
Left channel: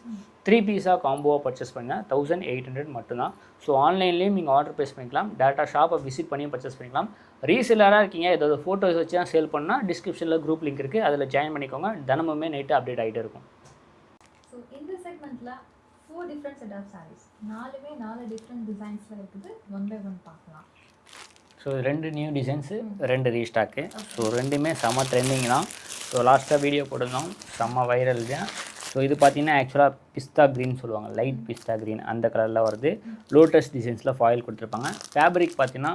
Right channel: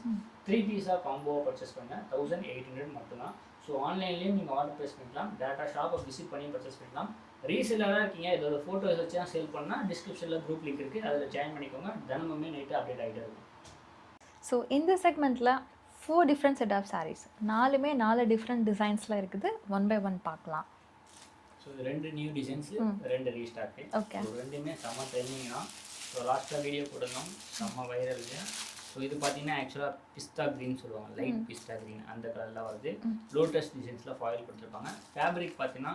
3 பீஸாக காம்போவாக பர்ச்சேஸ் பண்ணிங்கன்னா 1800 மட்டும்தான். ஸோ ஆன்லைன்லேயும் நீங்கள் ஆர்டர் ப்ளேஸ் பண்ணிக்கலாம், டேட்டா ஷாப்பை விசிட் பண்ணி பர்ச்சேஸ் பண்ணிக்கலாம். ரீசெல்லராக இருக்கீங்க, ஏதாவது ஃபோட்டோஸ் வச்சு தான் சேல் பண்ணால் டிஸ்கிரிப்ஷனில் குரூப் லிங்க் இருக்குது, அதில் ஜாயின் பண்ணிக்கோங்க. தினமுமே நைட்டு அப்டேட் ஆகிட்டே இருக்கும். ஸோ இந்த செக்மெண்ட்டில் 4 டிஃப்ரெண்ட் செட் ஆஃப் சாரீஸ், 4மே 4 டிஃப்ரெண்ட் டிசைன்ஸில் இருக்குது. ஒன் பை ஒன் பார்க்கலாம். So 2 new designs, 2 restock. So 2மே செம்ம ட்ரெண்டிங் தான். ஸோ லாஸ்ட்டாக வீடியோ போட்டிருந்தோம், செம்ம வைரல் தான். ஸோ இது பார்த்தீங்கன்னா ஆக்சுவலாக பிஸ்தா க்ரீன் சொல்லுவாங்க, லைட் பிஸ்தா க்ரீன் அந்த கலரில் வருது. லோட்டஸ் டிசைன்ஸில் ஃபாயில் கொடுத்துருப்பாங்க. ஃபேப்ரிக் பார்த்தீங்கன்னா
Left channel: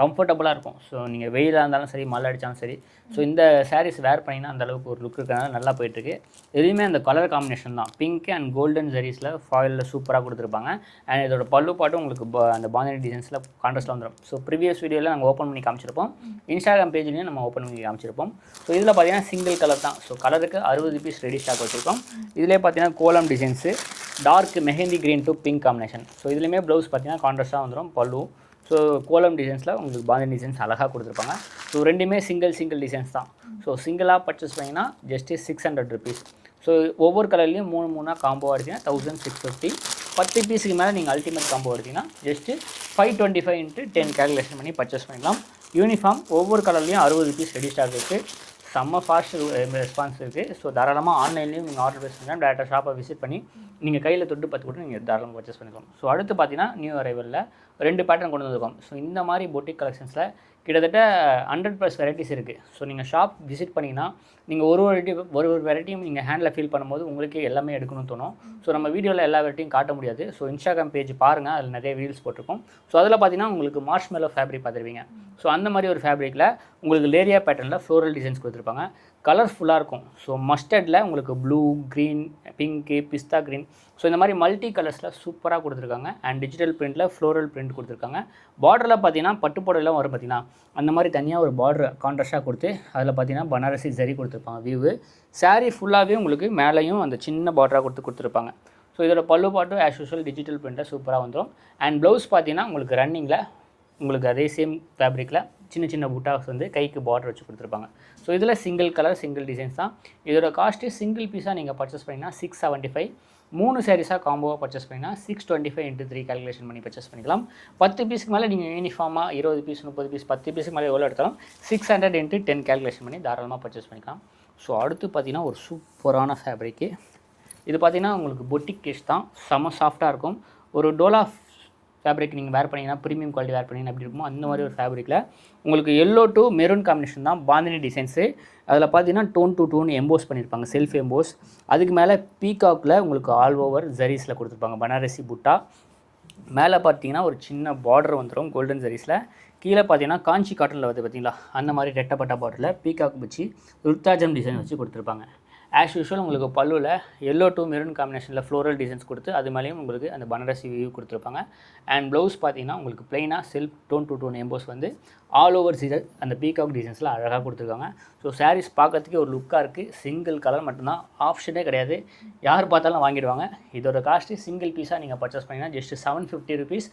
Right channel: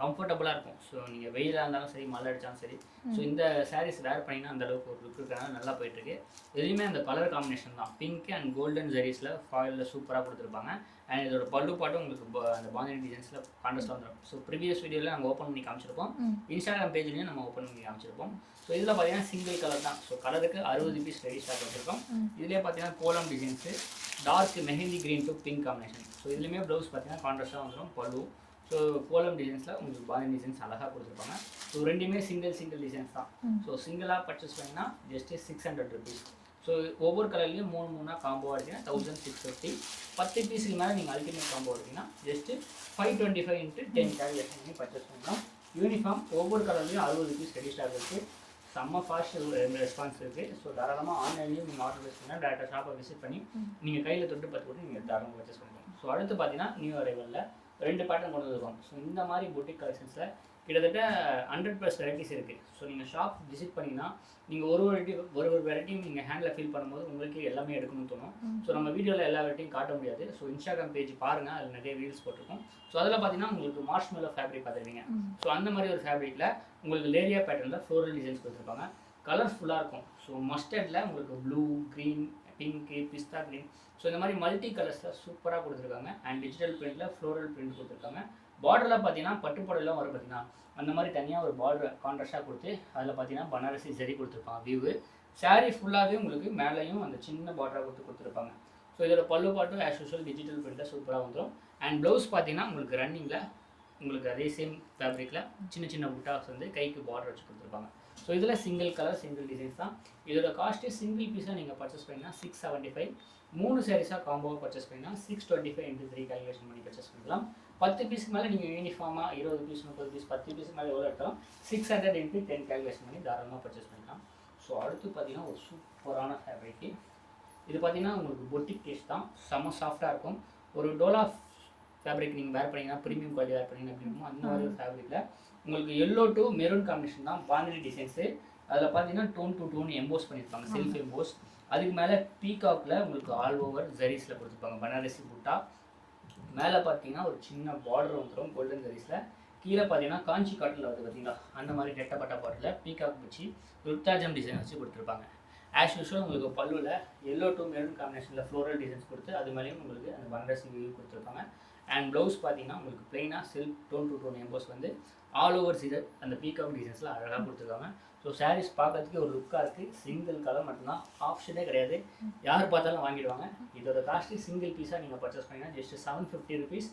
கம்ஃபர்டபுளாக இருக்கும். ஸோ நீங்கள் வெயிலாக இருந்தாலும் சரி, மழை அடித்தாலும் சரி, ஸோ இந்த சாரீஸ் வேர் பண்ணிங்கன்னா அந்தளவுக்கு ஒரு லுக் இருக்கிறனால நல்லா போயிட்டுருக்கு. எதுவுமே அந்த கலர் காம்பினேஷன் தான், பிங்க் அண்ட் கோல்டன் ஜரீஸில் ஃபாயிலில் சூப்பராக கொடுத்துருப்பாங்க. அண்ட் இதோட பல்லு பாட்டும் உங்களுக்கு அந்த பாந்தினி டிசைன்ஸில் கான்ட்ராஸ்ட்டில் வந்துடும். ஸோ ப்ரீவியஸ் வீடியோவில் நாங்கள் ஓப்பன் பண்ணி காமிச்சிருப்போம், இன்ஸ்டாகிராம் பேஜ்லேயும் நம்ம ஓப்பன் பண்ணி காமிச்சிருப்போம். ஸோ இதில் பார்த்தீங்கன்னா சிங்கிள் கலர் தான். ஸோ கலருக்கு 60 பீஸ் ரெடி ஸ்டாக் வச்சுருக்கோம். இதிலே பார்த்தீங்கன்னா கோலம் designs, dark mehndi green to pink combination. So இதுலேயுமே ப்ளவுஸ் பார்த்தீங்கன்னா கான்ட்ராஸ்ட்டாக வந்துடும் பல்லு. ஸோ கோலம் டிசைன்ஸில் உங்களுக்கு பாந்தினி டிசைன்ஸ் அழகாக கொடுத்துருப்பாங்க. ஸோ 2மே சிங்கிள் டிசைன்ஸ் தான். ஸோ சிங்கிளாக பர்ச்சேஸ் பண்ணிங்கன்னா ஜஸ்ட்டு 600 ருபீஸ். ஸோ ஒவ்வொரு கலர்லேயும் 3 காம்போ எடுத்தீங்கன்னா 1650. 10 பீஸுக்கு மேலே நீங்கள் அல்டிமேட் காம்போ எடுத்தீங்கன்னா ஜஸ்ட்டு 525 × 10 கேல்குலேஷன் பண்ணி பர்ச்சேஸ் பண்ணிக்கலாம். யூனிஃபார்ம் ஒவ்வொரு கலர்லேயும் 60 பீஸ் ரெடி ஸ்டாக் இருக்குது. செம்ம ஃபாஸ்ட் ரெஸ்பான்ஸ் இருக்குது. ஸோ தாராளமாக ஆன்லைன்லேயும் நீங்கள் ஆர்டர் ப்ளேஸ் பண்ணிங்கன்னா டேரெக்டாக ஷாப்பை விசிட் பண்ணி நீங்கள் கையில் தொட்டு பார்த்து கூட நீங்கள் தாராளமாக பர்ச்சேஸ் பண்ணிக்கலாம். ஸோ அடுத்து பார்த்தீங்கன்னா நியூ அரைவலில் 2 பேட்டர்ன் கொண்டு வந்திருக்கோம். ஸோ இந்த மாதிரி பொட்டிக் கலெக்ஷன்ஸில் கிட்டத்தட்ட 100+ வெரைட்டிஸ் இருக்குது. ஸோ நீங்கள் ஷாப் விசிட் பண்ணிங்கன்னா நீங்கள் ஒரு வெரைட்டியும் நீங்கள் ஹேண்டில் ஃபீல் பண்ணும்போது உங்களுக்கே எல்லாமே எடுக்கணும்னு தோணும். ஸோ நம்ம வீடியோவில் எல்லா வெரைட்டியும் காட்ட முடியாது. ஸோ இன்ஸ்டாகிராம் பேஜ் பாருங்கள், அதில் நிறைய ரீல்ஸ் போட்டிருக்கோம். ஸோ அதில் பார்த்தீங்கன்னா உங்களுக்கு மார்ஷ்மெல்லோ ஃபேப்ரிக் பார்த்துருவீங்க. ஸோ அந்த மாதிரி ஒரு ஃபேப்ரிக்கில் உங்களுக்கு லேரியா பேட்டர்னில் ஃப்ளோரல் டிசைன்ஸ் கொடுத்துருப்பாங்க. கலர்ஃபுல்லாக இருக்கும். ஸோ மஸ்டர்டில் உங்களுக்கு ப்ளூ, க்ரீன், பிங்க்கு, பிஸ்தா க்ரீன், ஸோ இந்த மாதிரி மல்டி கலர்ஸில் சூப்பராக கொடுத்துருக்காங்க. அண்ட் டிஜிட்டல் பிரிண்டில் ஃப்ளோரல் பிரிண்ட் கொடுத்துருக்காங்க. பார்டரில் பார்த்தீங்கன்னா பட்டு புடவைலாம் வரும் பார்த்தீங்கன்னா அந்த மாதிரி தனியாக ஒரு பார்டர் கான்ட்ராஸ்ட்டாக கொடுத்து அதில் பார்த்தீங்கன்னா பனாரசி ஜரி கொடுத்துருப்பாங்க. வியூவு சாரீ ஃபுல்லாகவே உங்களுக்கு மேலேயும் அந்த சின்ன பார்டராக கொடுத்துருப்பாங்க. ஸோ இதோட பல்லு பாட்டும் ஆஸ் யூஷுவல் டிஜிட்டல் பிரிண்டில் சூப்பராக வந்துடும். அண்ட் ப்ளவுஸ் பார்த்தீங்கன்னா உங்களுக்கு ரன்னிங்கில் உங்களுக்கு அதே சேம் ஃபேப்ரிக்கில் சின்ன புட்டாஸ் வந்து கைக்கு பார்டர் வச்சு கொடுத்துருப்பாங்க. ஸோ இதில் சிங்கிள் கலர் சிங்கிள் டிசைன்ஸ் தான். இதோட காஸ்ட்டு சிங்கிள் பீஸாக நீங்கள் பர்ச்சேஸ் பண்ணிங்கன்னா 675. 3 சாரீஸாக காம்போவாக பர்ச்சேஸ் பண்ணிங்கன்னா 625 × 3 கேல்குலேஷன் பண்ணி பர்ச்சேஸ் பண்ணிக்கலாம். 10 பீஸுக்கு மேலே நீங்கள் யூனிஃபார்மாக 20 பீஸ் 30 பீஸ் 10 பீஸுக்கு மேலே எவ்வளோ எடுத்தாலும் 600 × 10 கேல்குலேஷன் பண்ணி தாராளமாக பர்ச்சேஸ் பண்ணிக்கலாம். ஸோ அடுத்து பார்த்தீங்கன்னா ஒரு சூப்பரான ஃபேப்ரிக்கு. இது பார்த்தீங்கன்னா உங்களுக்கு பொட்டிக் கேஷ் தான், செம சாஃப்டாக இருக்கும். ஒரு டோலா ஃபேப்ரிக் நீங்கள் வேர் பண்ணிங்கன்னா ப்ரீமியம் குவாலிட்டி வேர் பண்ணிங்கன்னா எப்படி இருக்குமோ அந்த மாதிரி ஒரு ஃபேப்ரிக்கில் உங்களுக்கு எல்லோ டு மெரூன் காம்பினேஷன் தான் பாந்தினி டிசைன்ஸு. அதில் பார்த்தீங்கன்னா டோன் டு டோன் எம்போஸ் பண்ணியிருப்பாங்க, செல்ஃப் எம்போஸ். அதுக்கு மேலே பீகாக்கில் உங்களுக்கு ஆல் ஓவர் ஜரீஸில் கொடுத்துருப்பாங்க பனாரசி புட்டா. மேலே பார்த்தீங்கன்னா ஒரு சின்ன பார்டர் வந்துடும் கோல்டன் ஜரீஸில். கீழே பார்த்தீங்கன்னா காஞ்சி காட்டனில் வந்து பார்த்தீங்களா அந்த மாதிரி ரெட்டப்பட்ட பார்டரில் பீகாக் வச்சு ருத்தாஜம் டிசைன் வச்சு கொடுத்துருப்பாங்க. ஆஸ் யூஷுவல் உங்களுக்கு பல்லுவில் எல்லோ டு மெரூன் காம்பினேஷனில் ஃப்ளோரல் டிசைன்ஸ் கொடுத்து அது மேலேயும் உங்களுக்கு அந்த பனாரசி வியூ கொடுத்துருப்பாங்க. அண்ட் ப்ளவுஸ் பார்த்தீங்கன்னா உங்களுக்கு பிளைனாக self tone to tone emboss வந்து ஆல் ஓவர் சீசர் அந்த பீகாக் டிசைன்ஸில் அழகாக கொடுத்துருக்காங்க. ஸோ சாரீஸ் பார்க்கறதுக்கே ஒரு லுக்காக இருக்குது. சிங்கிள் கலர் மட்டும்தான், ஆப்ஷனே கிடையாது, யார் பார்த்தாலும் வாங்கிடுவாங்க. இதோட காஸ்ட்டு சிங்கிள் பீஸாக நீங்கள் பர்ச்சேஸ் பண்ணிங்கன்னா ஜஸ்ட்டு 750 ருபீஸ்.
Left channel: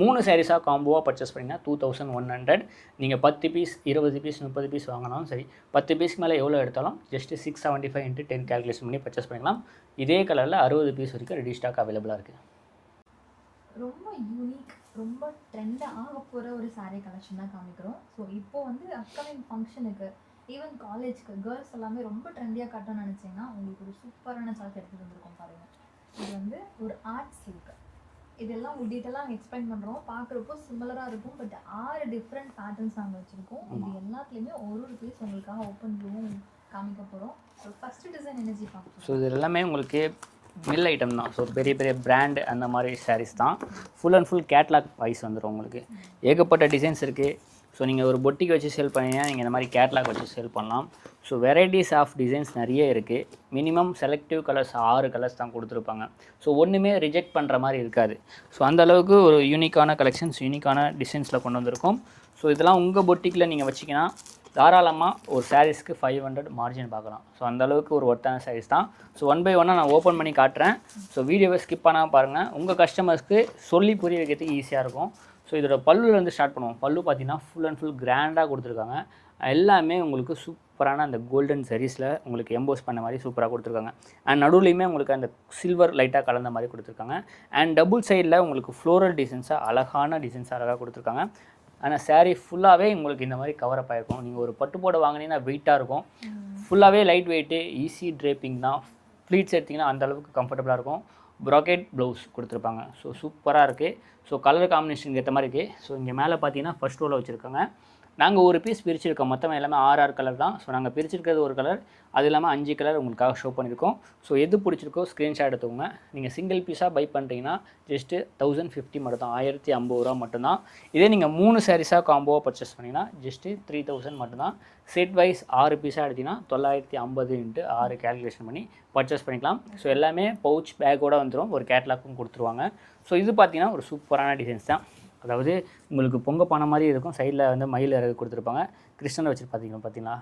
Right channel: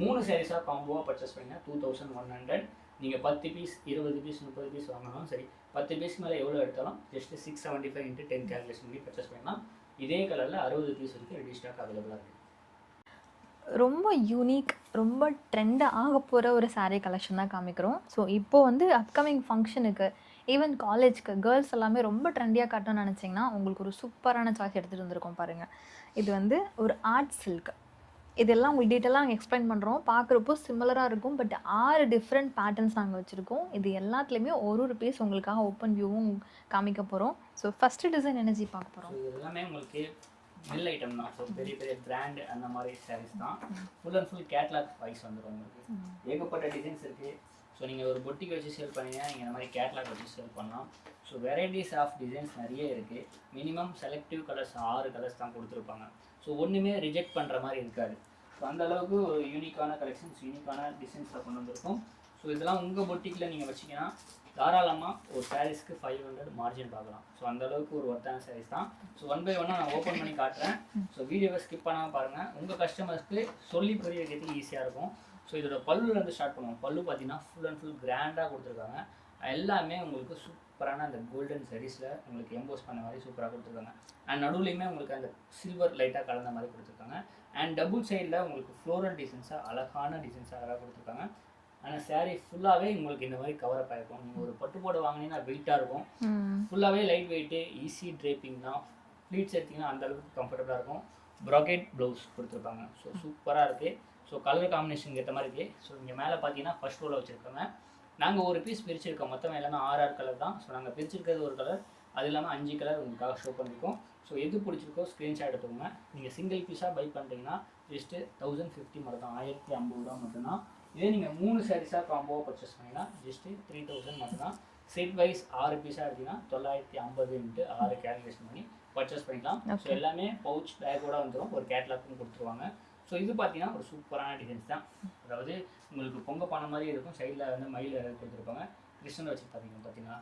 3 சாரீஸாக காம்போவாக பர்ச்சேஸ் பண்ணிங்கன்னா 2100. நீங்கள் 10 பீஸ் 20 பீஸ் 30 பீஸ் வாங்கினாலும் சரி, 10 பீஸ்க்கு மேலே எவ்வளோ எடுத்தாலும் ஜஸ்ட்டு 675 × 10 கேல்குலேஷன் பண்ணி பர்ச்சேஸ் பண்ணிக்கலாம். இதே கலரில் 60 பீஸ் வரைக்கும் ரெடி ஸ்டாக் அவைலபிளாக இருக்குது. ரொம்ப யூனிக், ரொம்ப ட்ரெண்டாக ஆக போகிற ஒரு சாரீ கலெக்ஷன் தான் காமிக்கிறோம். ஸோ இப்போது வந்து அப்கமிங் ஃபங்க்ஷனுக்கு, ஈவன் காலேஜ்க்கு கேர்ள்ஸ் எல்லாமே ரொம்ப ட்ரெண்டியாக காட்டணும்னு நினச்சிங்கன்னா உங்களுக்கு ஒரு சூப்பரான சாய்ஸ் எடுத்துகிட்டு வந்திருக்கோம் பாருங்கள். இது வந்து ஒரு ஆர்ட் சில்க். இதெல்லாம் உங்களுக்கு டீட்டெயிலாக நாங்கள் எக்ஸ்பிளைன் பண்ணுறோம். பார்க்குறப்போ சிமிலராக இருக்கும், பட் 6 டிஃப்ரெண்ட் பேட்டர்ன்ஸ் நாங்கள் வச்சுருக்கோம். இது எல்லாத்துலேயுமே ஒரு பீஸ் உங்களுக்காக ஓப்பன் வியூவும் காமிக்க போகிறோம். ஸோ ஃபஸ்ட்டு டிசைன் எனர்ஜி பார்க்க போகிறோம். ஸோ இது எல்லாமே உங்களுக்கு மில் ஐட்டம் தான். ஸோ பெரிய பிராண்ட் அந்த மாதிரி சாரீஸ் தான். Full and full catalogue wise வந்துடும் உங்களுக்கு. ஏகப்பட்ட டிசைன்ஸ் இருக்குது. ஸோ நீங்கள் ஒரு பொட்டிக்கு வச்சு சேல் பண்ணீங்கன்னா நீங்கள் இந்த மாதிரி கேட்லாக் வச்சு சேல் பண்ணலாம். ஸோ வெரைட்டிஸ் ஆஃப் டிசைன்ஸ் நிறைய இருக்குது. மினிமம் செலக்டிவ் கலர்ஸ் 6 கலர்ஸ் தான் கொடுத்துருப்பாங்க. ஸோ ஒன்றுமே ரிஜெக்ட் பண்ணுற மாதிரி இருக்காது. ஸோ அந்த அளவுக்கு ஒரு யூனிக்கான கலெக்ஷன்ஸ், யூனிக்கான டிசைன்ஸில் கொண்டு வந்திருக்கோம். ஸோ இதெல்லாம் உங்கள் பொட்டிக்கில் நீங்கள் வச்சிங்கன்னா தாராளமாக ஒரு சாரீஸ்க்கு 500 மார்ஜின் பார்க்கலாம். ஸோ அந்தளவுக்கு ஒரு ஒர்த்தான சாரீஸ் தான். ஸோ 1 by 1 நான் ஓப்பன் பண்ணி காட்டுறேன். ஸோ வீடியோவை ஸ்கிப் பண்ணாமல் பாருங்கள். உங்கள் கஸ்டமர்ஸ்க்கு சொல்லி புரிய வைக்கிறதுக்கு ஈஸியாக இருக்கும். ஸோ இதோட பல்லுலேருந்து ஸ்டார்ட் பண்ணுவோம். பல்லு பார்த்தீங்கன்னா ஃபுல் அண்ட் ஃபுல் கிராண்டாக கொடுத்துருக்காங்க. எல்லாமே உங்களுக்கு சூப்பரான அந்த கோல்டன் சரிஸில் உங்களுக்கு எம்போஸ் பண்ண மாதிரி சூப்பராக கொடுத்துருக்காங்க. அண்ட் நடுவுலையுமே உங்களுக்கு அந்த சில்வர் லைட்டாக கலந்த மாதிரி கொடுத்துருக்காங்க. அண்ட் டபுள் சைடில் உங்களுக்கு ஃப்ளோரல் டிசைன்ஸாக அழகான டிசைன்ஸாக அழகாக கொடுத்துருக்காங்க. ஆனால் சாரீ ஃபுல்லாகவே உங்களுக்கு இந்த மாதிரி கவரப் ஆகிருக்கும். நீங்கள் ஒரு பட்டு போட வாங்கினீங்கன்னா வெயிட்டாக இருக்கும். ஃபுல்லாகவே லைட் வெயிட்டு, ஈஸி ட்ரேப்பிங் தான். ப்ளீட்ஸ் எடுத்திங்கன்னா அந்தளவுக்கு கம்ஃபர்டபுளாக இருக்கும். ப்ராக்கெட் ப்ளவுஸ் கொடுத்துருப்பாங்க. ஸோ சூப்பராக இருக்குது. ஸோ கலர் காம்பினேஷன் ஏற்ற மாதிரி இருக்குது. ஸோ இங்கே மேலே பார்த்தீங்கன்னா ஃபஸ்ட் ரோவில் வச்சுருக்காங்க. நாங்கள் ஒரு பீஸ் பிரிச்சுருக்கோம். மொத்தம் எல்லாமே 6 கலர் தான். ஸோ நாங்கள் பிரிச்சிருக்கிறது ஒரு கலர், அது இல்லாமல் 5 கலர் உங்களுக்காக ஷோ பண்ணியிருக்கோம். ஸோ எது பிடிச்சிருக்கோ ஸ்க்ரீன்ஷாட் எடுத்துக்கோங்க. நீங்கள் சிங்கிள் பீஸாக பை பண்ணுறீங்கன்னா ஜஸ்ட்டு 1050 மட்டும் தான், 1050 ரூபா மட்டும்தான். இதே நீங்கள் 3 சாரீஸாக காம்போவாக பர்ச்சேஸ் பண்ணிங்கன்னா ஜஸ்ட்டு 3000 மட்டும்தான். செட் வைஸ் 6 பீஸாக எடுத்திங்கன்னா 950 × 6 கேல்குலேஷன் பண்ணி பர்ச்சேஸ் பண்ணிக்கலாம். ஸோ எல்லாமே பவுச் பேக்கோடு வந்துடும். ஒரு கேட்லாக்கும் கொடுத்துருவாங்க. ஸோ இது பார்த்தீங்கன்னா ஒரு சூப்பரான டிசைன்ஸ் தான். அதாவது உங்களுக்கு பொங்க பானை மாதிரி இருக்கும். சைடில் வந்து மயில் இறகு கொடுத்துருப்பாங்க. கிருஷ்ணனை வச்சு பார்த்தீங்களா?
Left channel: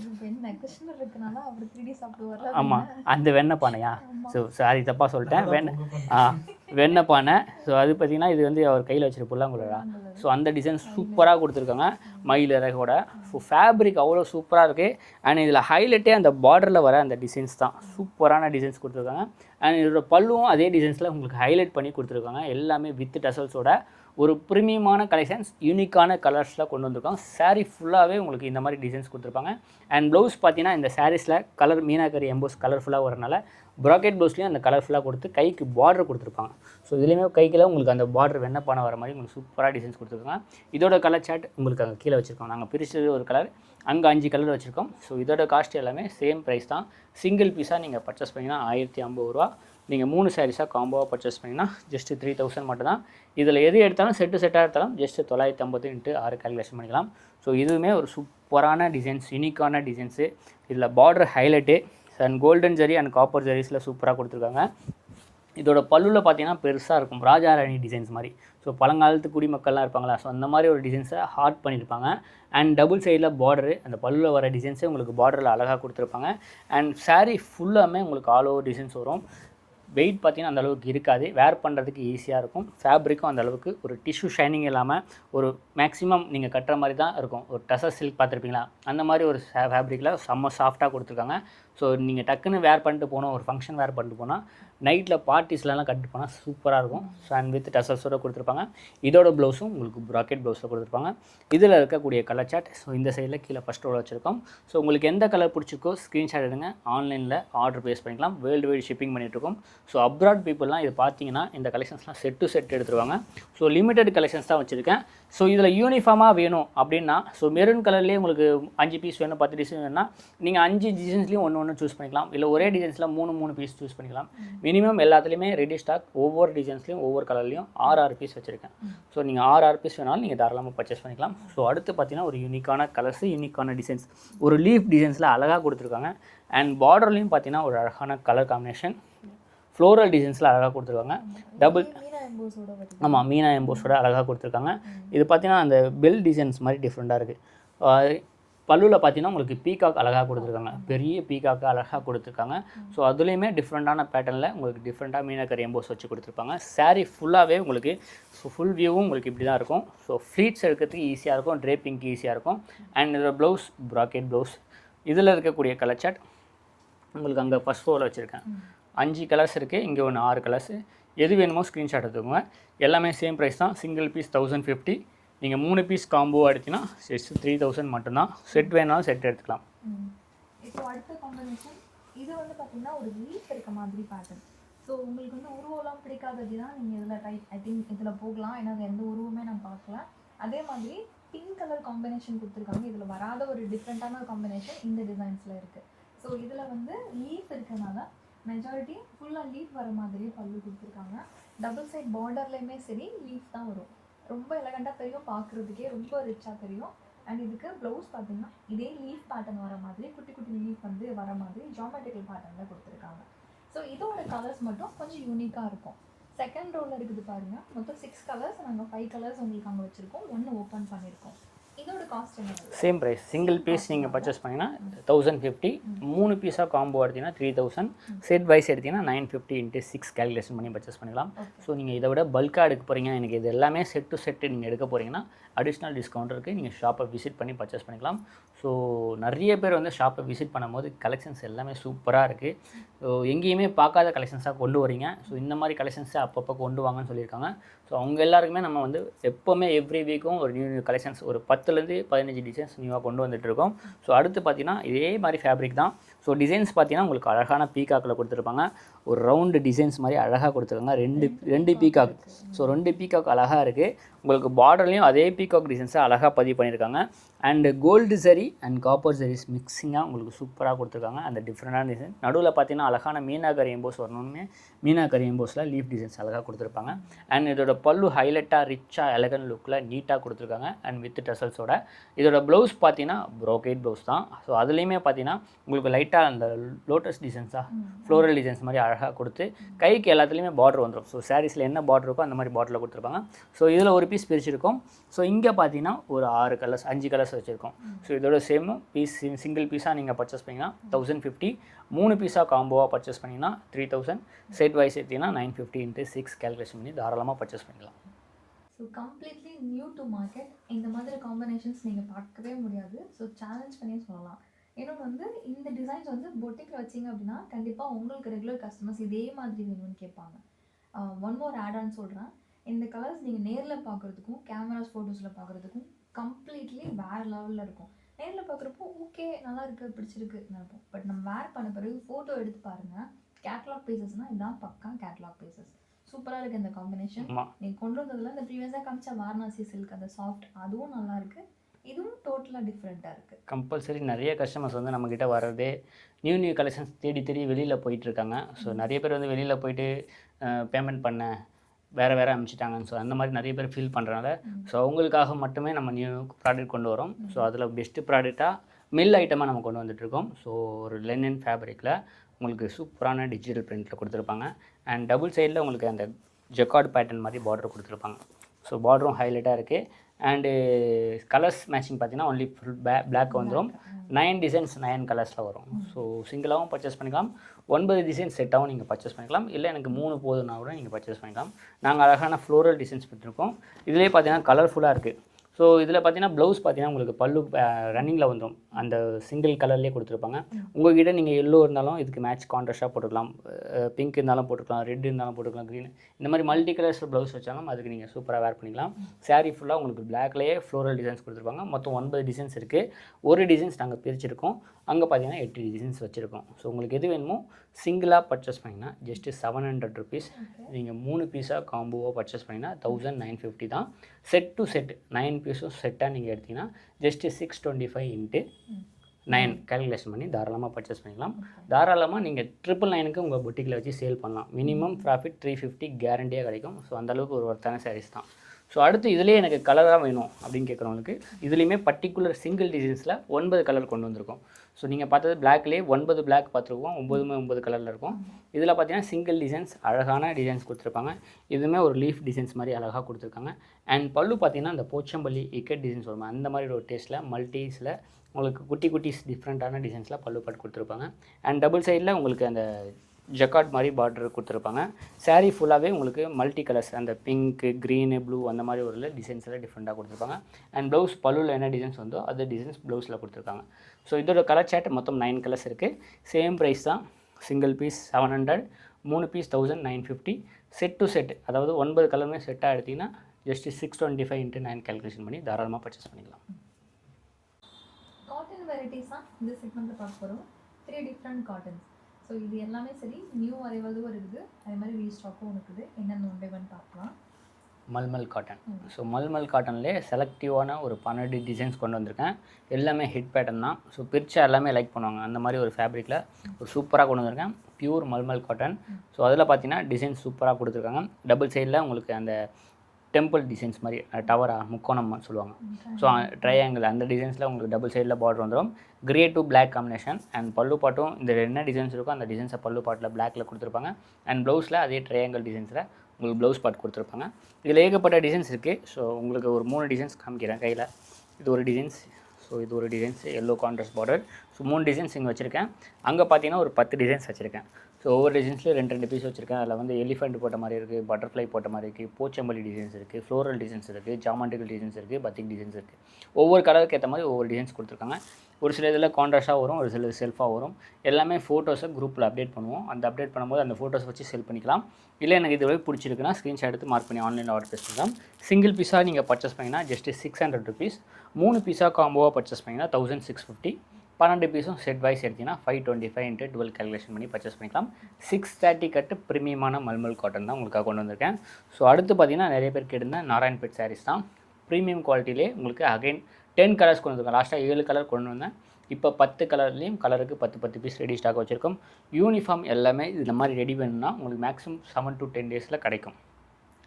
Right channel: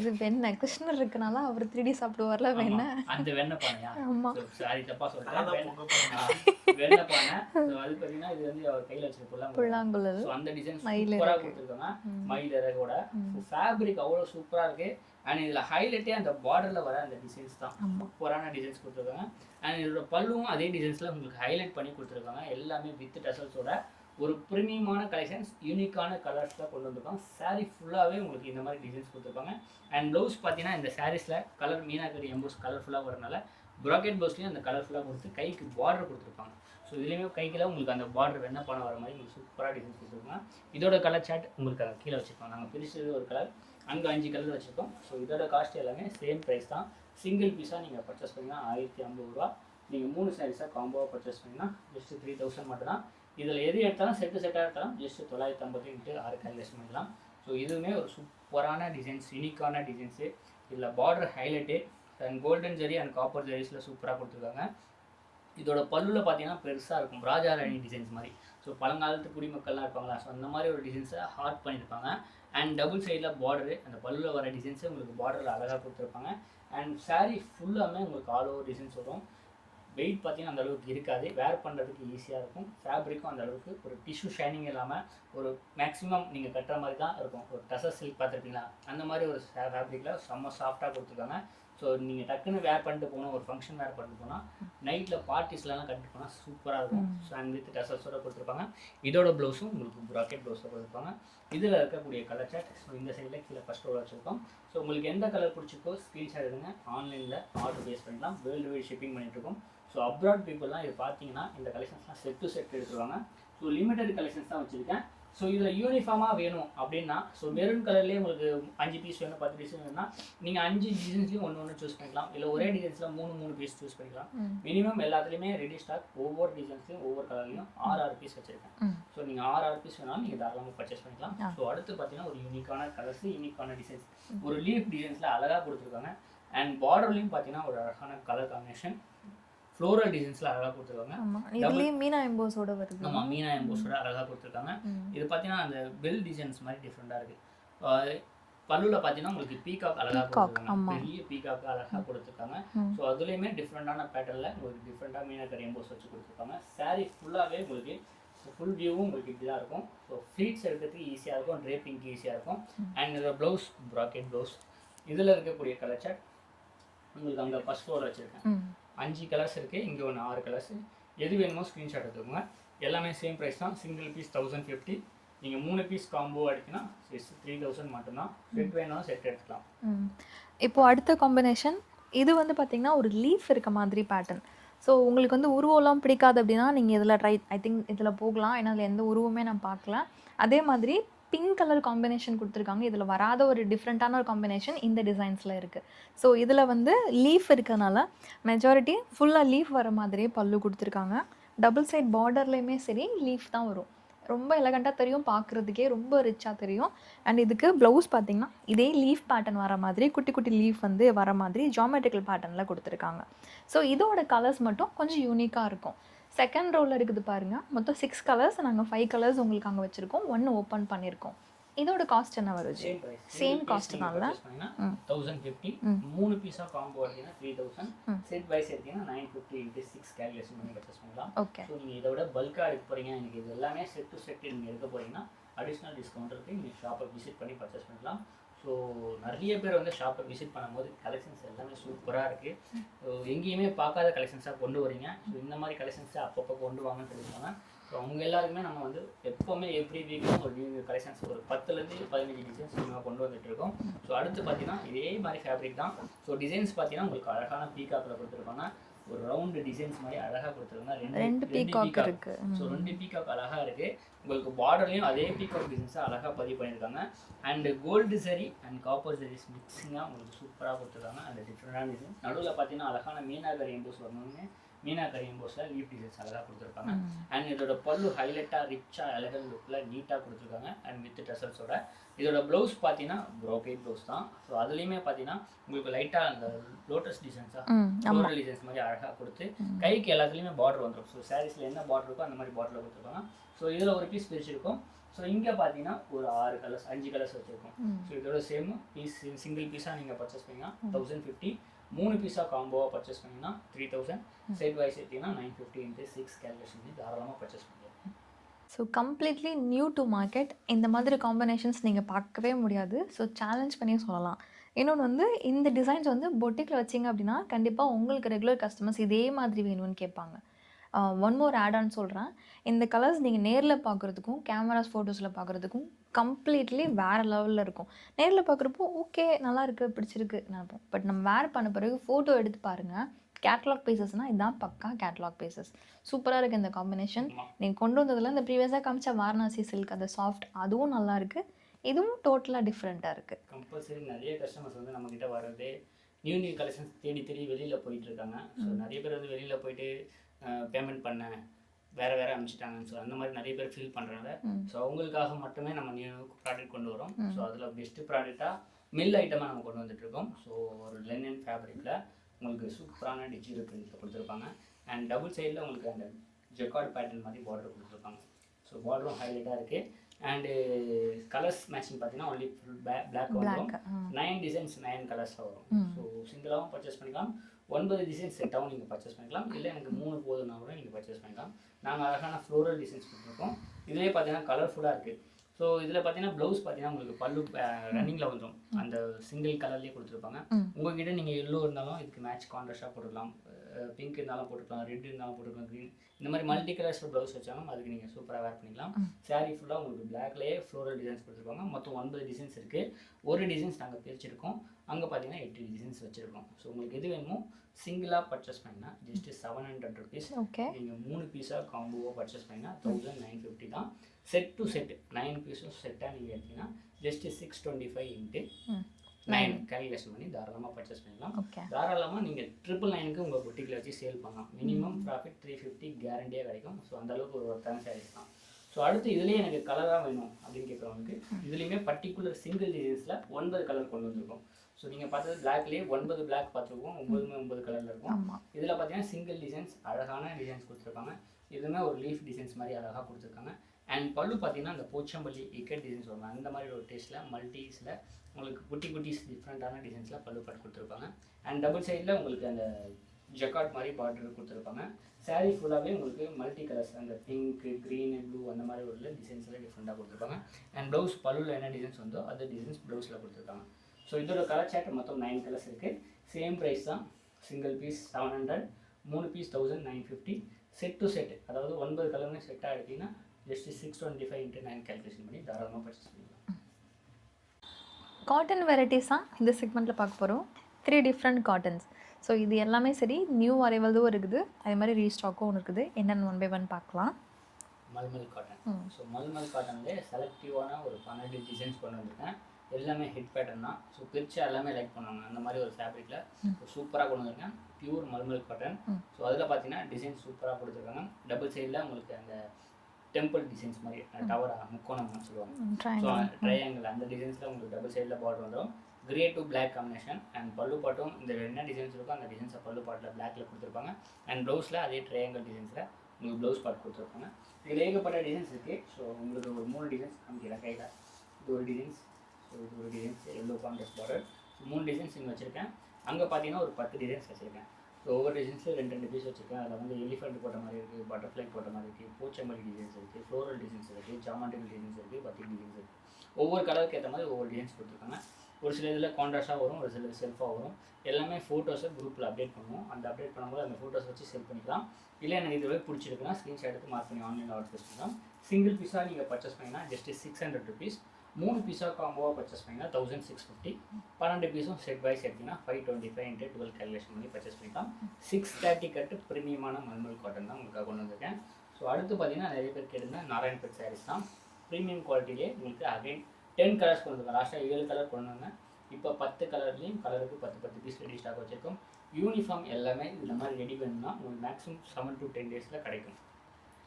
இது வெண்ணெய். கிருஷ்ணர் இருக்கனால அவர் 3D சாப்பிடுவார்ல. ஆமாம், அந்த வெண்ணெய் பானையா? ஸோ சாரி தப்பாக சொல்லிட்டேன். வெண்ணெய் பானை. ஸோ அது பார்த்தீங்கன்னா இது வந்து அவர் கையில் வச்சுரு புல்லாங்குழல். ஸோ அந்த டிசைன்ஸ் சூப்பராக கொடுத்துருக்காங்க மயில் இறகோட. ஸோ ஃபேப்ரிக் அவ்வளோ சூப்பராக இருக்குது. அண்ட் இதில் ஹைலைட்டே அந்த பார்டரில் வர அந்த டிசைன்ஸ் தான். சூப்பரான டிசைன்ஸ் கொடுத்துருக்காங்க. அண்ட் இதோட பல்லுவும் அதே டிசைன்ஸில் உங்களுக்கு ஹைலைட் பண்ணி கொடுத்துருக்காங்க. எல்லாமே வித் டசல்ஸோட ஒரு ப்ரீமியமான கலெக்ஷன்ஸ், யூனிக்கான கலர்ஸில் கொண்டு வந்திருக்காங்க. சாரீ ஃபுல்லாகவே உங்களுக்கு இந்த மாதிரி டிசைன்ஸ் கொடுத்துருப்பாங்க. அண்ட் ப்ளவுஸ் பார்த்தீங்கன்னா இந்த சாரீஸில் கலர் மீனாக்கரி எம்போஸ் கலர்ஃபுல்லாக வரனால ப்ராக்கெட் ப்ளவுஸ்லேயும் அந்த கலர்ஃபுல்லாக கொடுத்து கைக்கு பார்டர் கொடுத்துருப்பாங்க. ஸோ இதுலேயுமே கைக்கில் உங்களுக்கு அந்த பார்டர் வெண்ணெய் பானை வர மாதிரி உங்களுக்கு சூப்பராக டிசைன்ஸ் கொடுத்துருக்காங்க. இதோட கலர் சார்ட் உங்களுக்கு அங்கே கீழே வச்சுருக்கோம். நாங்கள் பிரிச்சது ஒரு கலர், அங்கே 5 கலர் வச்சுருக்கோம். ஸோ இதோட காஸ்ட் எல்லாமே சேம் ப்ரைஸ் தான். சிங்கிள் பீஸாக நீங்கள் பர்ச்சேஸ் பண்ணிங்கன்னா 1050 ரூபா. நீங்கள் 3 சாரீஸாக காம்போவாக பர்ச்சேஸ் பண்ணிங்கன்னா ஜஸ்ட்டு 3000 மட்டும் தான். இதில் எது எடுத்தாலும் செட்டாக எடுத்தாலும் ஜஸ்ட்டு 950 × 6 கேல்குலேஷன் பண்ணிக்கலாம். ஸோ இதுவுமே ஒரு சூப்பரான டிசைன்ஸ், யூனிக்கான டிசைன்ஸு. இதில் border highlight and golden zari and copper ஜரிஸில் சூப்பராக கொடுத்துருக்காங்க. இதோட பல்லுவில் பார்த்தீங்கன்னா பெருசாக இருக்கும், ராஜாராணி டிசைன்ஸ் மாதிரி. ஸோ பழங்காலத்து குடிமக்கள்லாம் இருப்பாங்களா, ஸோ அந்த மாதிரி ஒரு டிசைன்ஸை ஹார்ட் பண்ணியிருப்பாங்க. அண்ட் டபுள் சைடில் பார்டரு, அந்த பல்லுவில் வர டிசைன்ஸே உங்களுக்கு பார்டரில் அழகாக கொடுத்துருப்பாங்க. அண்ட் சாரீ ஃபுல்லாமே உங்களுக்கு ஆல் ஓவர் டிசைன்ஸ் வரும். வெயிட் பார்த்தீங்கன்னா அந்தளவுக்கு இருக்காது. வேர் பண்ணுறதுக்கு ஈஸியாக இருக்கும். ஃபேப்ரிக்கும் அந்தளவுக்கு ஒரு டிஷ்யூ ஷைனிங் இல்லாமல் ஒரு மேக்ஸிமம் நீங்கள் கட்டுற மாதிரி தான் இருக்கும். ஒரு டசர் சில்க் பார்த்துருப்பீங்களா, அந்த மாதிரி ஒரு ஃபேப்ரிக்கில் செம்ம சாஃப்டாக கொடுத்துருக்காங்க. ஸோ நீங்கள் டக்குன்னு வேர் பண்ணிட்டு போனோம், ஒரு ஃபங்க்ஷன் வேர் பண்ணிட்டு போனால், நைட்டில் பார்ட்டிஸ்லாம் கட்டிட்டு போனால் சூப்பராக இருக்கும். ஸோ அண்ட் வித் டசர்ஸோடு கொடுத்துருப்பாங்க. இதோட ப்ளவுஸும் உங்களுக்கு ப்ராக்கெட் ப்ளவுஸில் கொடுத்துருப்பாங்க. இதில் இருக்கக்கூடிய கலர் சார்ட் ஸோ இந்த சைடில் கீழே ஃபஸ்ட் ரோல் வச்சுருக்கோம். ஸோ உங்களுக்கு எந்த கலர் பிடிச்சிக்கோ ஸ்க்ரீன்ஷாட் எடுங்க, ஆன்லைனில் ஆர்டர் ப்ளேஸ் பண்ணிக்கலாம். வேர்ல்டு வைட் ஷிப்பிங் பண்ணிகிட்ருக்கோம். ஸோ அப்ராட் பீப்புளெலாம் இது பார்த்தீங்கன்னா இந்த கலெக்ஷன்ஸ்லாம் செட் எடுத்துருவாங்க. ஸோ லிமிட்டட் கலெக்ஷன்ஸ் தான் வச்சுருக்கேன். ஸோ இதில் யூனிஃபார்மாக வேணும் அப்படின்னா, ஸோ மெரூன் கலர்லேயே உங்களுக்கு 5 பீஸ் வேணும், 10 பீஸ் வேணும்னா நீங்கள் 5 டிசைன்ஸ்லேயும் ஒன்று சூஸ் பண்ணிக்கலாம். இல்லை ஒரே டிசைன்ஸில் 3 பீஸ் சூஸ் பண்ணிக்கலாம். மினிமம் எல்லாத்துலேயுமே ரெடி ஸ்டாக் ஒவ்வொரு டிசைன்ஸ்லையும் ஒவ்வொரு கலர்லையும் 6 பீஸ் வச்சுருக்கேன். ஸோ நீங்கள் 6 பீஸ் வேணாலும் நீங்கள் தாராளமாக பர்ச்சேஸ் பண்ணிக்கலாம். ஸோ அடுத்து பார்த்தீங்கன்னா ஒரு யூனிக்கான கலர்ஸ், யூனிக்கான டிசைன்ஸ், ஒரு லீஃப் டிசைன்ஸில் அழகாக கொடுத்துருக்காங்க. அண்ட் பார்டர்லையும் பார்த்தீங்கன்னா ஒரு அழகான கலர் காம்பினேஷன், ஃப்ளோரல் டிசைன்ஸில் அழகாக கொடுத்துருக்காங்க. டபுள் மீனா எம்போஸோட வருது. ஆமாம், மீனா எம்போஸோட அழகாக கொடுத்துருக்காங்க. இது பார்த்தீங்கன்னா அந்த பெல் டிசைன்ஸ் மாதிரி டிஃப்ரெண்ட்டாக இருக்குது. பல்லுவில் பார்த்தீங்கன்னா உங்களுக்கு பீகாக் அழகாக கொடுத்துருக்காங்க. பெரிய பீகாக்கு அழகாக கொடுத்துருக்காங்க. ஸோ அதுலேயுமே டிஃப்ரெண்ட்டான பேட்டர்னில் உங்களுக்கு டிஃப்ரெண்ட்டாக மீனாக்கரி எம்போஸ் வச்சு கொடுத்துருப்பாங்க. சாரீ ஃபுல்லாகவே உங்களுக்கு ஃபுல் வியூவும் உங்களுக்கு இப்படி தான் இருக்கும். ஸோ ஃப்ளீட்ஸ் எடுக்கிறதுக்கு ஈஸியாக இருக்கும், ட்ரேப்பிங்க்கு ஈஸியாக இருக்கும். அண்ட் இதோட ப்ளவுஸ் ப்ராக்கெட் ப்ளவுஸ். இதில் இருக்கக்கூடிய கலர் சார்ட் உங்களுக்கு அங்கே ஃபஸ்ட் ரோவில் வச்சுருக்கேன். 5 கலர்ஸ் இருக்குது, இங்கே ஒன்று 6 கலர்ஸு. எது வேணுமோ ஸ்க்ரீன்ஷாட் எடுத்துக்கோங்க. எல்லாமே சேம் ப்ரைஸ் தான். Single piece 1050. நீங்கள் 3 பீஸ் காம்போ எடுத்தீங்கன்னா 3000 மட்டும்தான். செட் வேணாலும் செட் எடுத்துக்கலாம். இப்போது அடுத்த காம்பினேஷன் இது வந்து பார்த்திங்கன்னா ஒரு லீஃப் இருக்க மாதிரி பேட்டர்ன். ஸோ உங்களுக்கு வந்து உருவம்லாம் பிடிக்காது அப்படின்னா நீங்கள் இதில் ஐ திங்க் இதில் போகலாம். ஏன்னா அதில் எந்த உருவமே நான் பார்க்கல. அதே மாதிரி பிங்க் கலர் காம்பினேஷன் கொடுத்துருக்காங்க. இதில் வராத ஒரு டிஃப்ரெண்ட்டான ஒரு காம்பினேஷன் இந்த டிசைன்ஸில் இருக்குது. ஸோ இதில் வந்து லீஃப் இருக்கனால மெஜாரிட்டி ஃபுல்லாக லீஃப் வர மாதிரியே பல்லு கொடுத்துருக்காங்க. டபுள் சைட் பார்டர்லேயுமே சரி லீஃப் தான் வரும். ரொம்ப எலகண்ட்டாக தெரியும், பார்க்குறதுக்கே ரொம்ப ரிச்சாக தெரியும். அண்ட் இதுக்கு ப்ளவுஸ் பார்த்தீங்கன்னா இதே லீஃப் பேட்டர்ன் வர மாதிரி, குட்டி குட்டி லீஃப் வந்து வர மாதிரி ஜாமெட்ரிக்கல் பேட்டர்னில் கொடுத்துருக்காங்க. ஸோ இதோட கலர்ஸ் மட்டும் கொஞ்சம் யூனிக்காக இருக்கும். செகண்ட் ரோவில் இருக்குது பாருங்கள், மொத்தம் 6 கலர்ஸ், நாங்கள் 5 கலர்ஸ் உங்களுக்கு அங்கே வச்சுருக்கோம், 1 ஓப்பன் பண்ணியிருக்கோம். இதோட காஸ்ட் என்ன வருது? Same price. சிங்கிள் பீஸ் நீங்கள் பர்ச்சேஸ் பண்ணிங்கன்னா 1050, 3 பீஸாக காம்போ எடுத்தீங்கன்னா 3000, செட் வைஸ் எடுத்தீங்கன்னா 950 × 6 கேல்குலேஷன் பண்ணி பர்ச்சேஸ் பண்ணிக்கலாம். ஓகே. ஸோ நீங்கள் இதை விட பல்காக எடுக்க போகிறீங்க, எனக்கு இது எல்லாமே செட் டு செட் நீங்கள் எடுக்க போகிறீங்கன்னா அடிஷ்னல் டிஸ்கவுண்ட் இருக்குது, நீங்கள் ஷாப்பை விசிட் பண்ணி பர்ச்சேஸ் பண்ணிக்கலாம். ஸோ நிறைய பேர் வந்து ஷாப்பை விசிட் பண்ணும்போது கலெக்ஷன்ஸ் எல்லாமே சூப்பராக இருக்குது. ஸோ எங்கேயுமே பார்க்காத கலெக்ஷன்ஸாக கொண்டு வரீங்க. ஸோ இந்த மாதிரி கலெக்ஷன்ஸை அப்பப்போ கொண்டு வாங்கன்னு சொல்லியிருக்காங்க. ஸோ அவங்க எல்லாருக்குமே நம்ம வந்து எப்போவுமே எவ்ரி வீக்கும் ஒரு நியூ கலெக்ஷன்ஸ் ஒரு 10லேருந்து 15 டிசைன்ஸ் நியூவாக கொண்டு வந்துட்டுருக்கோம். ஸோ அடுத்து பார்த்தீங்கன்னா இதே மாதிரி ஃபேப்ரிக் தான். ஸோ டிசைன்ஸ் பார்த்தீங்கன்னா உங்களுக்கு அழகான பீகாக்கில் கொடுத்துருப்பாங்க. ஒரு ரவுண்டு டிசைன்ஸ் மாதிரி அழகாக கொடுத்துருக்காங்க. ரெண்டு பீகாக். ஸோ 2 பீகாக் அழகாக இருக்குது. உங்களுக்கு பார்டர்லேயும் அதே பீகாக் டிசைன்ஸை அழகாக பதிவு பண்ணியிருக்காங்க. அண்டு கோல்டு சரி அண்ட் காப்பர் சரிஸ் மிக்சிங்காக உங்களுக்கு சூப்பராக கொடுத்துருக்காங்க. அந்த டிஃப்ரெண்டான டிசைன் நடுவில் பார்த்தீங்கன்னா அழகான மீனாகரி எம்போஸ் வரணும்னு மீனாகரி எம்போஸில் லீஃப் டிசைன்ஸ் அழகாக கொடுத்துருப்பாங்க. அண்ட் இதோட பல்லு ஹைலைட்டாக ரிச்சாக எலகன் லுக்கில் நீட்டாக கொடுத்துருக்காங்க. அண்ட் வித் டசல்ஸோட இதோட ப்ளவுஸ் பார்த்தீங்கன்னா ப்ரோகேட் ப்ளவுஸ் தான். ஸோ அதுலேயுமே பார்த்தீங்கன்னா உங்களுக்கு லைட்டாக அந்த லோட்டஸ் டிசைன்ஸாக ஃப்ளோரல் டிசைன்ஸ் மாதிரி அழகாக கொடுத்து கைக்கு எல்லாத்துலேயுமே பார்டர் வந்துடும். ஸோ சாரீஸில் என்ன பார்டர் இருக்கோ அந்த மாதிரி பார்டரில் கொடுத்துருப்பாங்க. ஸோ இதில் ஒரு பீஸ் பிரிச்சிருக்கோம். ஸோ இங்கே பார்த்தீங்கன்னா ஒரு 6 கலர்ஸ் 5 கலர்ஸ் வச்சுருக்கோம். ஸோ இதோட சேமும் பீஸ் சிங்கிள் பீஸாக நீங்கள் பர்ச்சேஸ் பண்ணிங்கன்னா 1050, 3 பீஸாக காம்போவாக பர்ச்சேஸ் பண்ணிங்கன்னா 3000, செட் வைஸ் எடுத்திங்கன்னா 950 × 6 கேல்குலேஷன் பண்ணி தாராளமாக பர்ச்சேஸ் பண்ணிக்கலாம். So completely new to market. இந்த மாதிரி காம்பினேஷன்ஸ் நீங்கள் பார்க்கவே முடியாது. ஸோ சேலஞ்ச் பண்ணி சொல்லலாம். இன்னொன்று வந்து இந்த டிசைன்ஸ் வந்து பொட்டிக்கில் வச்சிங்க அப்படின்னா கண்டிப்பாக உங்களுக்கு ரெகுலர் கஸ்டமர்ஸ் இதே மாதிரி வேணும்னு கேட்பாங்க. ஒன் மோர் ஆட் ஆன் சொல்கிறேன். இந்த கலர்ஸ் நீங்கள் நேரில் பார்க்குறதுக்கும் கேமராஸ் ஃபோட்டோஸில் பார்க்குறதுக்கும் கம்ப்ளீட்லி வேறு லெவலில் இருக்கும். நேரில் பார்க்குறப்போ ஓகே நல்லா இருக்குது பிடிச்சிருக்கு நினைப்போம். பட் நம்ம வேர் பண்ண பிறகு ஃபோட்டோ எடுத்து பாருங்கள், கேட்லாக் பீசஸ்னால் இதுதான் பக்கா கேட்லாக் பீசஸ். சூப்பராக இருக்குது இந்த காம்பினேஷன். நீங்கள் கொண்டு வந்ததில் இந்த ப்ரீவியஸாக காமிச்ச வாரணாசி சில்க் அந்த சாஃப்ட் அதுவும் நல்லா இருக்குது. இதுவும் டோட்டலாக டிஃப்ரெண்ட்டாக இருக்குது. கம்பல்சரி நிறைய கஸ்டமர்ஸ் வந்து நம்மக்கிட்ட வர்றதே நியூ கலெக்ஷன்ஸ் தேடி வெளியில் போயிட்டுருக்காங்க. ஸோ நிறைய பேர் வந்து வெளியில் போயிட்டு பேமெண்ட் பண்ண வேறு அனுப்பிச்சிட்டாங்கன்னு ஸோ அந்த மாதிரி நிறைய பேர் ஃபீல் பண்ணுறனால ஸோ அவங்களுக்காக மட்டுமே நம்ம நியூ ப்ராடக்ட் கொண்டு வரோம். ஸோ அதில் பெஸ்ட்டு ப்ராடக்டாக மில் ஐட்டமாக நம்ம கொண்டு வந்துட்டுருக்கோம். ஸோ ஒரு லெனின் ஃபேப்ரிக்கில் உங்களுக்கு சூப்பரான டிஜிட்டல் பிரிண்டில் கொடுத்துருப்பாங்க. அண்ட் டபுள் சைடில் உங்களுக்கு அந்த ஜெக்கார்டு பேட்டர்ன் மாதிரி பார்டர் கொடுத்துருப்பாங்க. ஸோ பார்டரும் ஹைலைட்டாக இருக்குது. அண்டு கலர்ஸ் மேட்சிங் பார்த்தீங்கன்னா ஒன்லி ஃபுல் பிளாக் வந்துடும். 9 டிசைன்ஸ் 9 கலர்ஸில் வரும். ஸோ சிங்கிளாகவும் பர்ச்சேஸ் பண்ணிக்கலாம், 9 டிசைன்ஸ் செட்டாகவும் நீங்கள் பர்ச்சேஸ் பண்ணிக்கலாம். இல்லை எனக்கு 3 போதுன்னா கூட நீங்கள் பர்ச்சேஸ் பண்ணிக்கலாம். நாங்கள் அழகான ஃப்ளோரல் டிசைன்ஸ் கொடுத்துருக்கோம். இதிலே பார்த்தீங்கன்னா கலர்ஃபுல்லாக இருக்குது. ஸோ இதில் பார்த்தீங்கன்னா ப்ளவுஸ் பார்த்தீங்கன்னா உங்களுக்கு பல்லு ரன்னிங்கில் வந்துடும். அந்த சிங்கிள் கலர்லேயே கொடுத்துருப்பாங்க. உங்கள்கிட்ட நீங்கள் எல்லோ இருந்தாலும் இதுக்கு மேட்ச் கான்ட்ராஸ்ட்டாக போட்டுக்கலாம், பிங்க் இருந்தாலும் போட்டுக்கலாம், ரெட் இருந்தாலும் போட்டுக்கலாம், க்ரீன் இந்த மாதிரி மல்டி கலர்ஸ் ப்ளவுஸ் வச்சாலும் அதுக்கு நீங்கள் சூப்பராக வேர் பண்ணிக்கலாம். சாரீ ஃபுல்லாக உங்களுக்கு பிளாக்லேயே ஃப்ளோரல் டிசைன்ஸ் கொடுத்துருப்பாங்க. மொத்தம் 9 டிசைன்ஸ் இருக்குது. ஒரு டிசைன்ஸ் நாங்கள் பிரிச்சிருக்கோம். அங்கே பார்த்தீங்கன்னா 8 டிசைன்ஸ் வச்சுருக்கோம். ஸோ உங்களுக்கு எது வேணுமோ சிங்கிளாக பர்ச்சேஸ் பண்ணிங்கன்னா ஜஸ்ட்டு 700 ருபீஸ். நீங்கள் 3 பீஸாக காம்போவாக பர்ச்சேஸ் பண்ணிங்கன்னா 1950 தான். செட் டு செட் 9 பீஸும் செட்டாக நீங்கள் எடுத்திங்கன்னா ஜஸ்ட்டு 625 × 9 கேல்குலேஷன் பண்ணி தாராளமாக பர்ச்சேஸ் பண்ணிக்கலாம். தாராளமாக நீங்கள் 999க்கு உங்கள் பொட்டிக்கில் வச்சு சேல் பண்ணலாம். மினிமம் ப்ராஃபிட் 350 கேரண்டியாக கிடைக்கும். ஸோ அந்தளவுக்கு ஒரு ஒர்த்தான சாரீஸ் தான். ஸோ அடுத்து இதிலே எனக்கு கலராக வேணும் அப்படின்னு கேட்குறவங்களுக்கு இதுலேயுமே பர்டிகுலர் சிங்கிள் டிசைன்ஸில் 9 கலர் கொண்டு வந்திருக்கோம். ஸோ நீங்கள் பார்த்தது பிளாக்லேயே 9 பிளாக் பார்த்துருக்கோம், 9 கலரில் இருக்கும். இதில் பார்த்தீங்கன்னா சிங்கிள் டிசைன்ஸ் அழகான டிசைன்ஸ் கொடுத்துருப்பாங்க. இதுவுமே ஒரு லீஃப் டிசைன்ஸ் மாதிரி அழகாக கொடுத்துருக்காங்க. அண்ட் பல்லு பார்த்தீங்கன்னா அந்த போச்சம்பள்ளி இக்கட் டிசைன்ஸ் வரும் அந்த மாதிரி ஒரு டேஸ்ட்டில் மல்டிஸில் உங்களுக்கு குட்டி டிஃப்ரெண்ட்டான டிசைன்ஸில் பல்லு பட்டு கொடுத்துருப்பாங்க. அண்ட் டபுள் சைடில் உங்களுக்கு அந்த ஜக்கார்ட் மாதிரி பார்டர் கொடுத்துருப்பாங்க. சாரீ ஃபுல்லாகவே உங்களுக்கு மல்டி கலர்ஸ் அந்த பிங்க்கு, க்ரீனு, ப்ளூ அந்த மாதிரி ஒரு டிசைன்ஸில் டிஃப்ரெண்ட்டாக கொடுத்துருப்பாங்க. அண்ட் ப்ளவுஸ் பல்லுவில் என்ன டிசைன்ஸ் வந்தோ அது டிசைன்ஸ் ப்ளவுஸில் கொடுத்துருக்காங்க. ஸோ இதோட கலர் சார்ட் மொத்தம் 9 கலர்ஸ் இருக்குது. சேம் ப்ரைஸ் தான். Single piece 700, 3 piece 1950. Set to set அதாவது 9 கலருமே செட்டாக எடுத்திங்கன்னா ஜஸ்ட் 625 × 9 கேல்குலேஷன் பண்ணி தாராளமாக பர்ச்சேஸ் பண்ணிக்கலாம். காட்டன் வெரைட்டிஸாக இந்த செக்மெண்ட்டில் பார்க்க போகிறோம். 3 டிஃப்ரெண்ட் காட்டன்ஸ். ஸோ இது எல்லாமே சரி நியூ அரைவல்தும் இருக்குது, அதே மாதிரி ரீஸ்டாக்கும் ஒன்று இருக்குது. என்னென்னு 1 by 1 பார்க்கலாம். மல்மல் காட்டன். ஸோ மல்மல் காட்டன்லேயே செலக்டிவான ஒரு 12 டிசைன்ஸ் கொண்டு வந்திருக்கேன். எல்லாமே ஹிட் பேட்டர்ன் தான். ஸோ பிரிச்சா எல்லாமே லைக் பண்ணுவாங்க அந்த மாதிரி ஒரு ஃபேப்ரிக்கில் ஒரு சூப்பராக கொண்டு வந்திருக்கேன். Pure mulmul cotton. ஸோ அதில் பார்த்தீங்கன்னா டிசைன் சூப்பராக கொடுத்துருக்காங்க. டபுள் சைடில் உங்களுக்கு அந்த டெம்பிள் டிசைன்ஸ் மாதிரி டவரா முக்கோணம் சொல்லுவாங்க. ஸோ ட்ரையாங்கிள் அந்த டிசைன்ஸில் உங்களுக்கு டபுள் சைடில் பார்டர் வந்துடும். Grey to black combination. And பல்லு பாட்டும் இந்த என்ன டிசைன்ஸ் இருக்கோ அந்த டிசைன்ஸை பல்லு பாட்டில் பிளாக்ல கொடுத்துருப்பாங்க. அண்ட் ப்ளவுஸில் அதே ட்ரையாங்கிள் டிசைன்ஸில் உங்களுக்கு ப்ளவுஸ் பார்ட் கொடுத்துருப்பாங்க. இதில் ஏகப்பட்ட டிசைன்ஸ் இருக்குது. ஸோ உங்களுக்கு ஒரு 3 டிசைன்ஸ் காமிக்கிறேன் கையில். இது ஒரு டிசைன்ஸ், ஸோ இது ஒரு designs yellow contrast border. So 3 designs இங்கே வச்சுருக்கேன். அங்கே பார்த்தீங்கன்னா ஒரு 10 டிசைன்ஸ் வச்சுருக்கேன். ஸோ ஒவ்வொரு டிசைன்ஸ்லேயும் 2 பீஸ் வச்சுருக்கேன். அதில் வந்து எலிஃபெண்ட் போட்ட மாதிரி இருக்குது, பட்டர்ஃப்ளை போட்ட மாதிரி இருக்குது, போச்சம்பள்ளி டிசைன்ஸ் இருக்குது, ஃப்ளோரல் டிசைன்ஸ் இருக்குது, ஜாமெண்ட்ரிக்கல் டிசைன்ஸ் இருக்குது, பத்திக் டிசைன்ஸ் இருக்குது. ஒவ்வொரு கலருக்கு ஏற்ற மாதிரி ஒவ்வொரு டிசைன்ஸ் கொடுத்துருக்காங்க. ஒரு சில இதில் கான்ட்ராஸ்ட்டாக வரும், ஒரு சில செல்ஃபாக வரும். எல்லாமே ஃபோட்டோஸை குரூப்பில் அப்டேட் பண்ணுவோம். அந்த அப்டேட் பண்ணும்போது அந்த ஃபோட்டோஸ் வச்சு செல் பண்ணிக்கலாம். இல்லை எனக்கு இது வரைக்கும் பிடிச்சிருக்குன்னா ஸ்க்ரீன்ஷாட் எடுத்து மார்க் பண்ணி ஆன்லைனில் ஆர்டர் ப்ளேஸ் பண்ணலாம். சிங்கிள் பீஸாக நீங்கள் பர்ச்சேஸ் பண்ணிங்கன்னா ஜஸ்ட் 600 ருபீஸ். 3 பீஸாக காம்போவாக பர்ச்சேஸ் பண்ணிங்கன்னா 1650. 12 பீஸும் செட் வைஸ் எடுத்திங்கன்னா 525 × 12 கேல்குலேஷன் பண்ணி பர்ச்சேஸ் பண்ணிக்கலாம். 630 கட்டு ப்ரீமியமான மல்மல் காட்டன் தான் உங்களுக்காக கொண்டு வந்திருக்கேன். ஸோ அடுத்து பார்த்தீங்கன்னா நிறைய பேர் கேட்டிருந்தேன் நாராயண்பேட் சாரீஸ் தான். ப்ரீமியம் குவாலிட்டிலே உங்களுக்கு அகைன் 10 கலர்ஸ் கொண்டு வந்திருக்கேன். லாஸ்ட்டாக 7 கலர் கொண்டு வந்தேன். இப்போ 10 கலர்லேயும் கலருக்கு 10 பீஸ் ரெடி ஸ்டாக் வச்சுருக்கோம். யூனிஃபார்ம் எல்லாமே இந்த மாதிரி ரெடி வேணும்னா உங்களுக்கு மேக்ஸிமம் 7 to 10 டேஸில் கிடைக்கும்.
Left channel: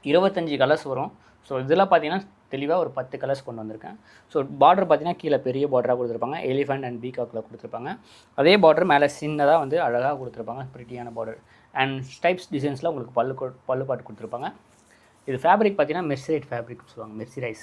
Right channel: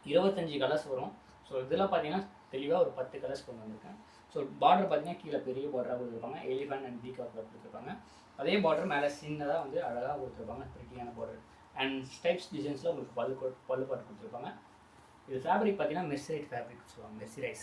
25 கலர்ஸ் வரும். ஸோ இதில் பார்த்தீங்கன்னா தெளிவாக ஒரு 10 கலர்ஸ் கொண்டு வந்திருக்கேன். ஸோ பார்டர் பார்த்தீங்கன்னா கீழே பெரிய பார்டராக கொடுத்துருப்பாங்க, எலிஃபெண்ட் அண்ட் பீகாக்கில் கொடுத்துருப்பாங்க. அதே பார்டர் மேலே சின்னதாக வந்து அழகாக கொடுத்துருப்பாங்க, ப்ரிட்டியான பார்டர். அண்ட் ஸ்டைப்ஸ் டிசைன்ஸில் உங்களுக்கு பல்லு பாட்டு கொடுத்துருப்பாங்க. இது ஃபேப்ரிக் பார்த்தீங்கன்னா மெர்சரைட் ஃபேப்ரிக் சொல்லுவாங்க, மெர்சரைஸ்.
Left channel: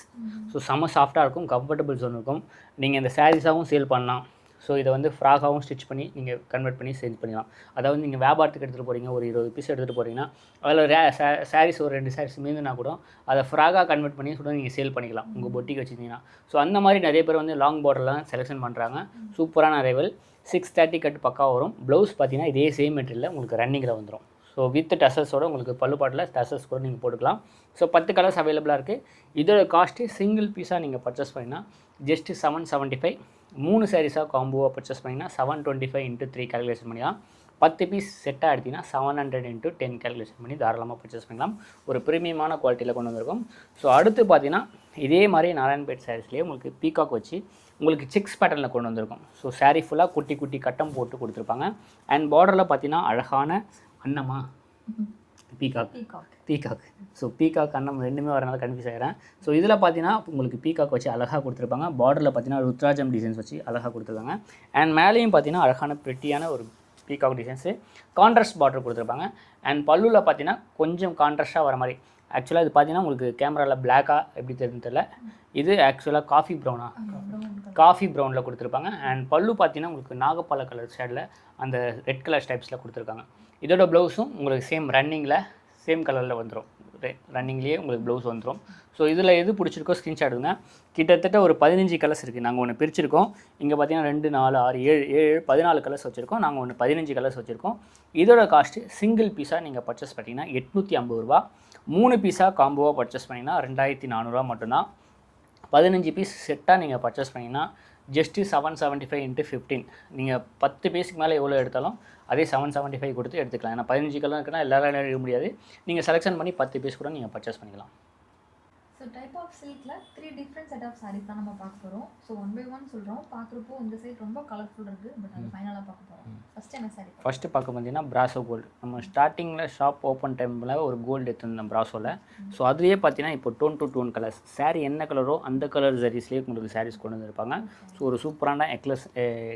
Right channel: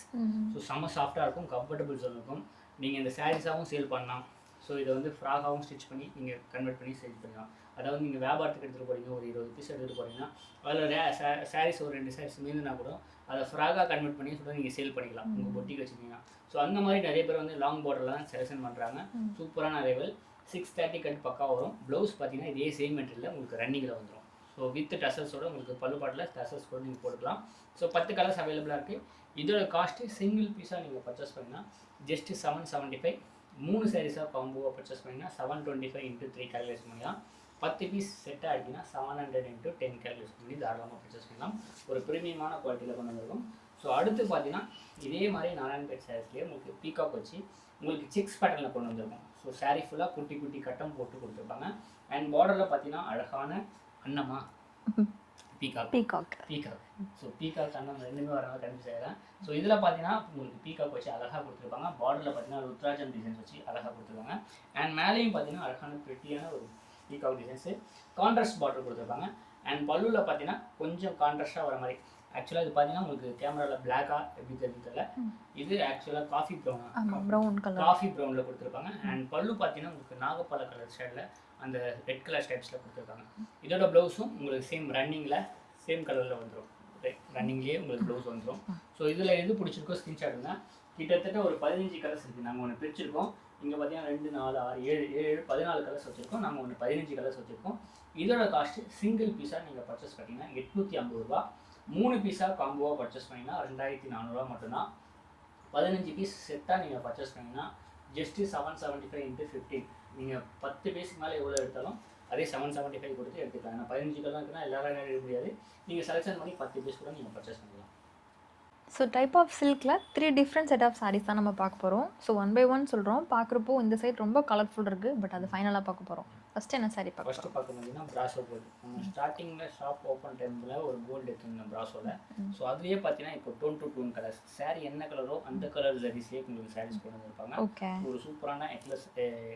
ஸோ செம்ம சாஃப்ட்டாக இருக்கும், கம்ஃபர்டபுள் ஜோன் இருக்கும். நீங்கள் இந்த சாரீஸாகவும் சேல் பண்ணலாம். ஸோ இதை வந்து ஃப்ராகாகவும் ஸ்டிச் பண்ணி நீங்கள் கன்வெர்ட் பண்ணி சேல் பண்ணலாம். அதாவது நீங்கள் வியாபாரத்துக்கு எடுத்துகிட்டு போகிறீங்க, ஒரு 20 பீஸ் எடுத்துகிட்டு போகிறீங்கன்னா அதில் சாரீஸ் ஒரு 2 சாரீஸ் மீந்துனா கூட அதை ஃப்ராகாக கன்வெர்ட் பண்ணி கூட நீங்கள் சேல் பண்ணிக்கலாம் உங்கள் பொட்டிக்கு வச்சுருந்தீங்கன்னா. ஸோ அந்த மாதிரி நிறைய பேர் வந்து லாங் பார்டர்லாம் செலெக்ஷன் பண்ணுறாங்க. சூப்பரான அரைவல். 630 கட் பக்கா வரும். ப்ளவுஸ் பார்த்தீங்கன்னா இதே சேம் மெட்டீரியலில் உங்களுக்கு ரன்னிங்கில் வந்துடும். ஸோ வித் டசல்ஸோடு உங்களுக்கு பல்லு பாட்டில் டசல்ஸ் கூட நீங்கள் போட்டுக்கலாம். ஸோ 10 கலர்ஸ் அவைலபிளாக இருக்குது. இதோட காஸ்ட்டு சிங்கிள் பீஸாக நீங்கள் பர்ச்சேஸ் பண்ணிங்கன்னா ஜஸ்ட்டு 775. 3 சாரீஸாக காம்போவாக பர்ச்சேஸ் பண்ணிங்கன்னா 725 × 3 கேல்குலேஷன் பண்ணிக்கலாம். 10 பீஸ் செட்டாக எடுத்திங்கன்னா 700 × 10 கேல்குலேஷன் பண்ணி தாராளமாக பர்ச்சேஸ் பண்ணலாம். ஒரு ப்ரீமியமான குவாலிட்டியில் கொண்டு வந்திருக்கும். ஸோ அடுத்து பார்த்தீங்கன்னா இதே மாதிரி நாராயண்பேட் சாரீஸ்லேயே உங்களுக்கு பீகாக் வச்சு உங்களுக்கு செக்ஸ் பேட்டர்னில் கொண்டு வந்திருக்கும். ஸோ சாரீ ஃபுல்லாக குட்டி குட்டி கட்டம் போட்டு கொடுத்துருப்பாங்க. அண்ட் பார்டரில் பார்த்தீங்கன்னா அழகான அன்னமா பீகாக். ஸோ பீகாக் அன்னம் ரெண்டுமே வரனால கன்ஃபியூஸ் ஆகிறேன். ஸோ இதில் பார்த்தீங்கன்னா உங்களுக்கு பீகாக் வச்சு அழகாக கொடுத்துருப்பாங்க. பார்டரில் பார்த்தீங்கன்னா ருத்ராஜம் டிசைன்ஸ் வச்சு அழகாக கொடுத்துருக்காங்க. அண்ட் மேலேயும் பார்த்தீங்கன்னா அழகான பெட்டியான ஒரு பீகாக் டிசைன்ஸு கான்ட்ராஸ்ட் பார்டர் கொடுத்துருப்பாங்க. அண்ட் பல்லுவில் பார்த்தீங்கன்னா கொஞ்சம் கான்ட்ராஸ்ட்டாக வர மாதிரி. ஆக்சுவலாக இது பார்த்தீங்கன்னா உங்களுக்கு கேமராவில் பிளாக்காக எப்படி தெரியுதுன்னு தெரியல. இது ஆக்சுவலாக காஃபி ப்ரௌனில் கொடுத்துருப்பாங்க. அண்ட் பல்லு பார்த்தீங்கன்னா உங்களுக்கு நாகப்பழ கலர் ஷேடில் அந்த ரெட் கலர் ஸ்டைப்ஸில் கொடுத்துருக்காங்க. இதோட ப்ளவுஸும் உங்களுக்கு சேம் ரன்னிங்கில் சேம் கலரில் வந்துடும். ரன்னிங்லேயே உங்களுக்கு ப்ளவுஸ் வந்துடும். ஸோ இதில் எது பிடிச்சிருக்கோ ஸ்க்ரீன்ஷாட் எடுங்க. கிட்டத்தட்ட ஒரு 15 கலர்ஸ் இருக்குது. நாங்கள் ஒன்று பிரிச்சிருக்கோம். இங்கே பார்த்தீங்கன்னா 2, 4, 6, 7, 14 கலர்ஸ் வச்சுருக்கோம். நாங்கள் ஒன்று 15 கலர்ஸ் வச்சுருக்கோம். இதோட காஸ்ட்டு சிங்கிள் பீஸாக நீங்கள் பர்ச்சேஸ் பண்ணிங்கன்னா 850 ரூபா. 3 பீஸாக காம்போவாக பர்ச்சேஸ் பண்ணிங்கன்னா 2400 மட்டும்தான். 15 பீஸ் செட்டாக நீங்கள் பர்ச்சேஸ் பண்ணிங்கன்னா ஜஸ்ட்டு 775 × 15. நீங்கள் 10 பீஸுக்கு மேலே எவ்வளோ எடுத்தாலும் அதே 775 கொடுத்து எடுத்துக்கலாம். ஏன்னா 15 கலர் இருக்குன்னா எல்லாரும் எடுக்க முடியாது. நீங்கள் செலெக்ஷன் பண்ணி 10 பீஸ் கூட நீங்கள் பர்ச்சேஸ் பண்ணிக்கலாம். ஸோ டைப் ஆஃப் சில்கில் 3 டிஃப்ரெண்ட் செட் ஆஃப் சாரீஸ் தான் நம்ம பார்க்க போகிறோம். ஸோ 1 by 1 சொல்கிறோம். பார்க்குறப்போ இந்த சைட் ரொம்ப கலர்ஃபுல் இருக்குது. பட் அது ஃபைனலாக பார்க்க போகிறோம். ஃபஸ்ட்டு என்ன சாரீ ஃபஸ்ட்டு பார்க்க பார்த்தீங்கன்னா பிராசோ கோல்டு. நம்ம ஸ்டார்டிங்கில் ஷாப் ஓப்பன் டைமில் ஒரு கோல்டு எடுத்துருந்தோம் பிராசோவில். ஸோ அதுலேயே பார்த்தீங்கன்னா இப்போ tone to tone colours saree என்ன கலரோ அந்த கலர் சாரீஸ்லேயே உங்களுக்கு சாரீஸ் கொண்டு வந்திருப்பாங்க. ஸோ ஒரு சூப்பரான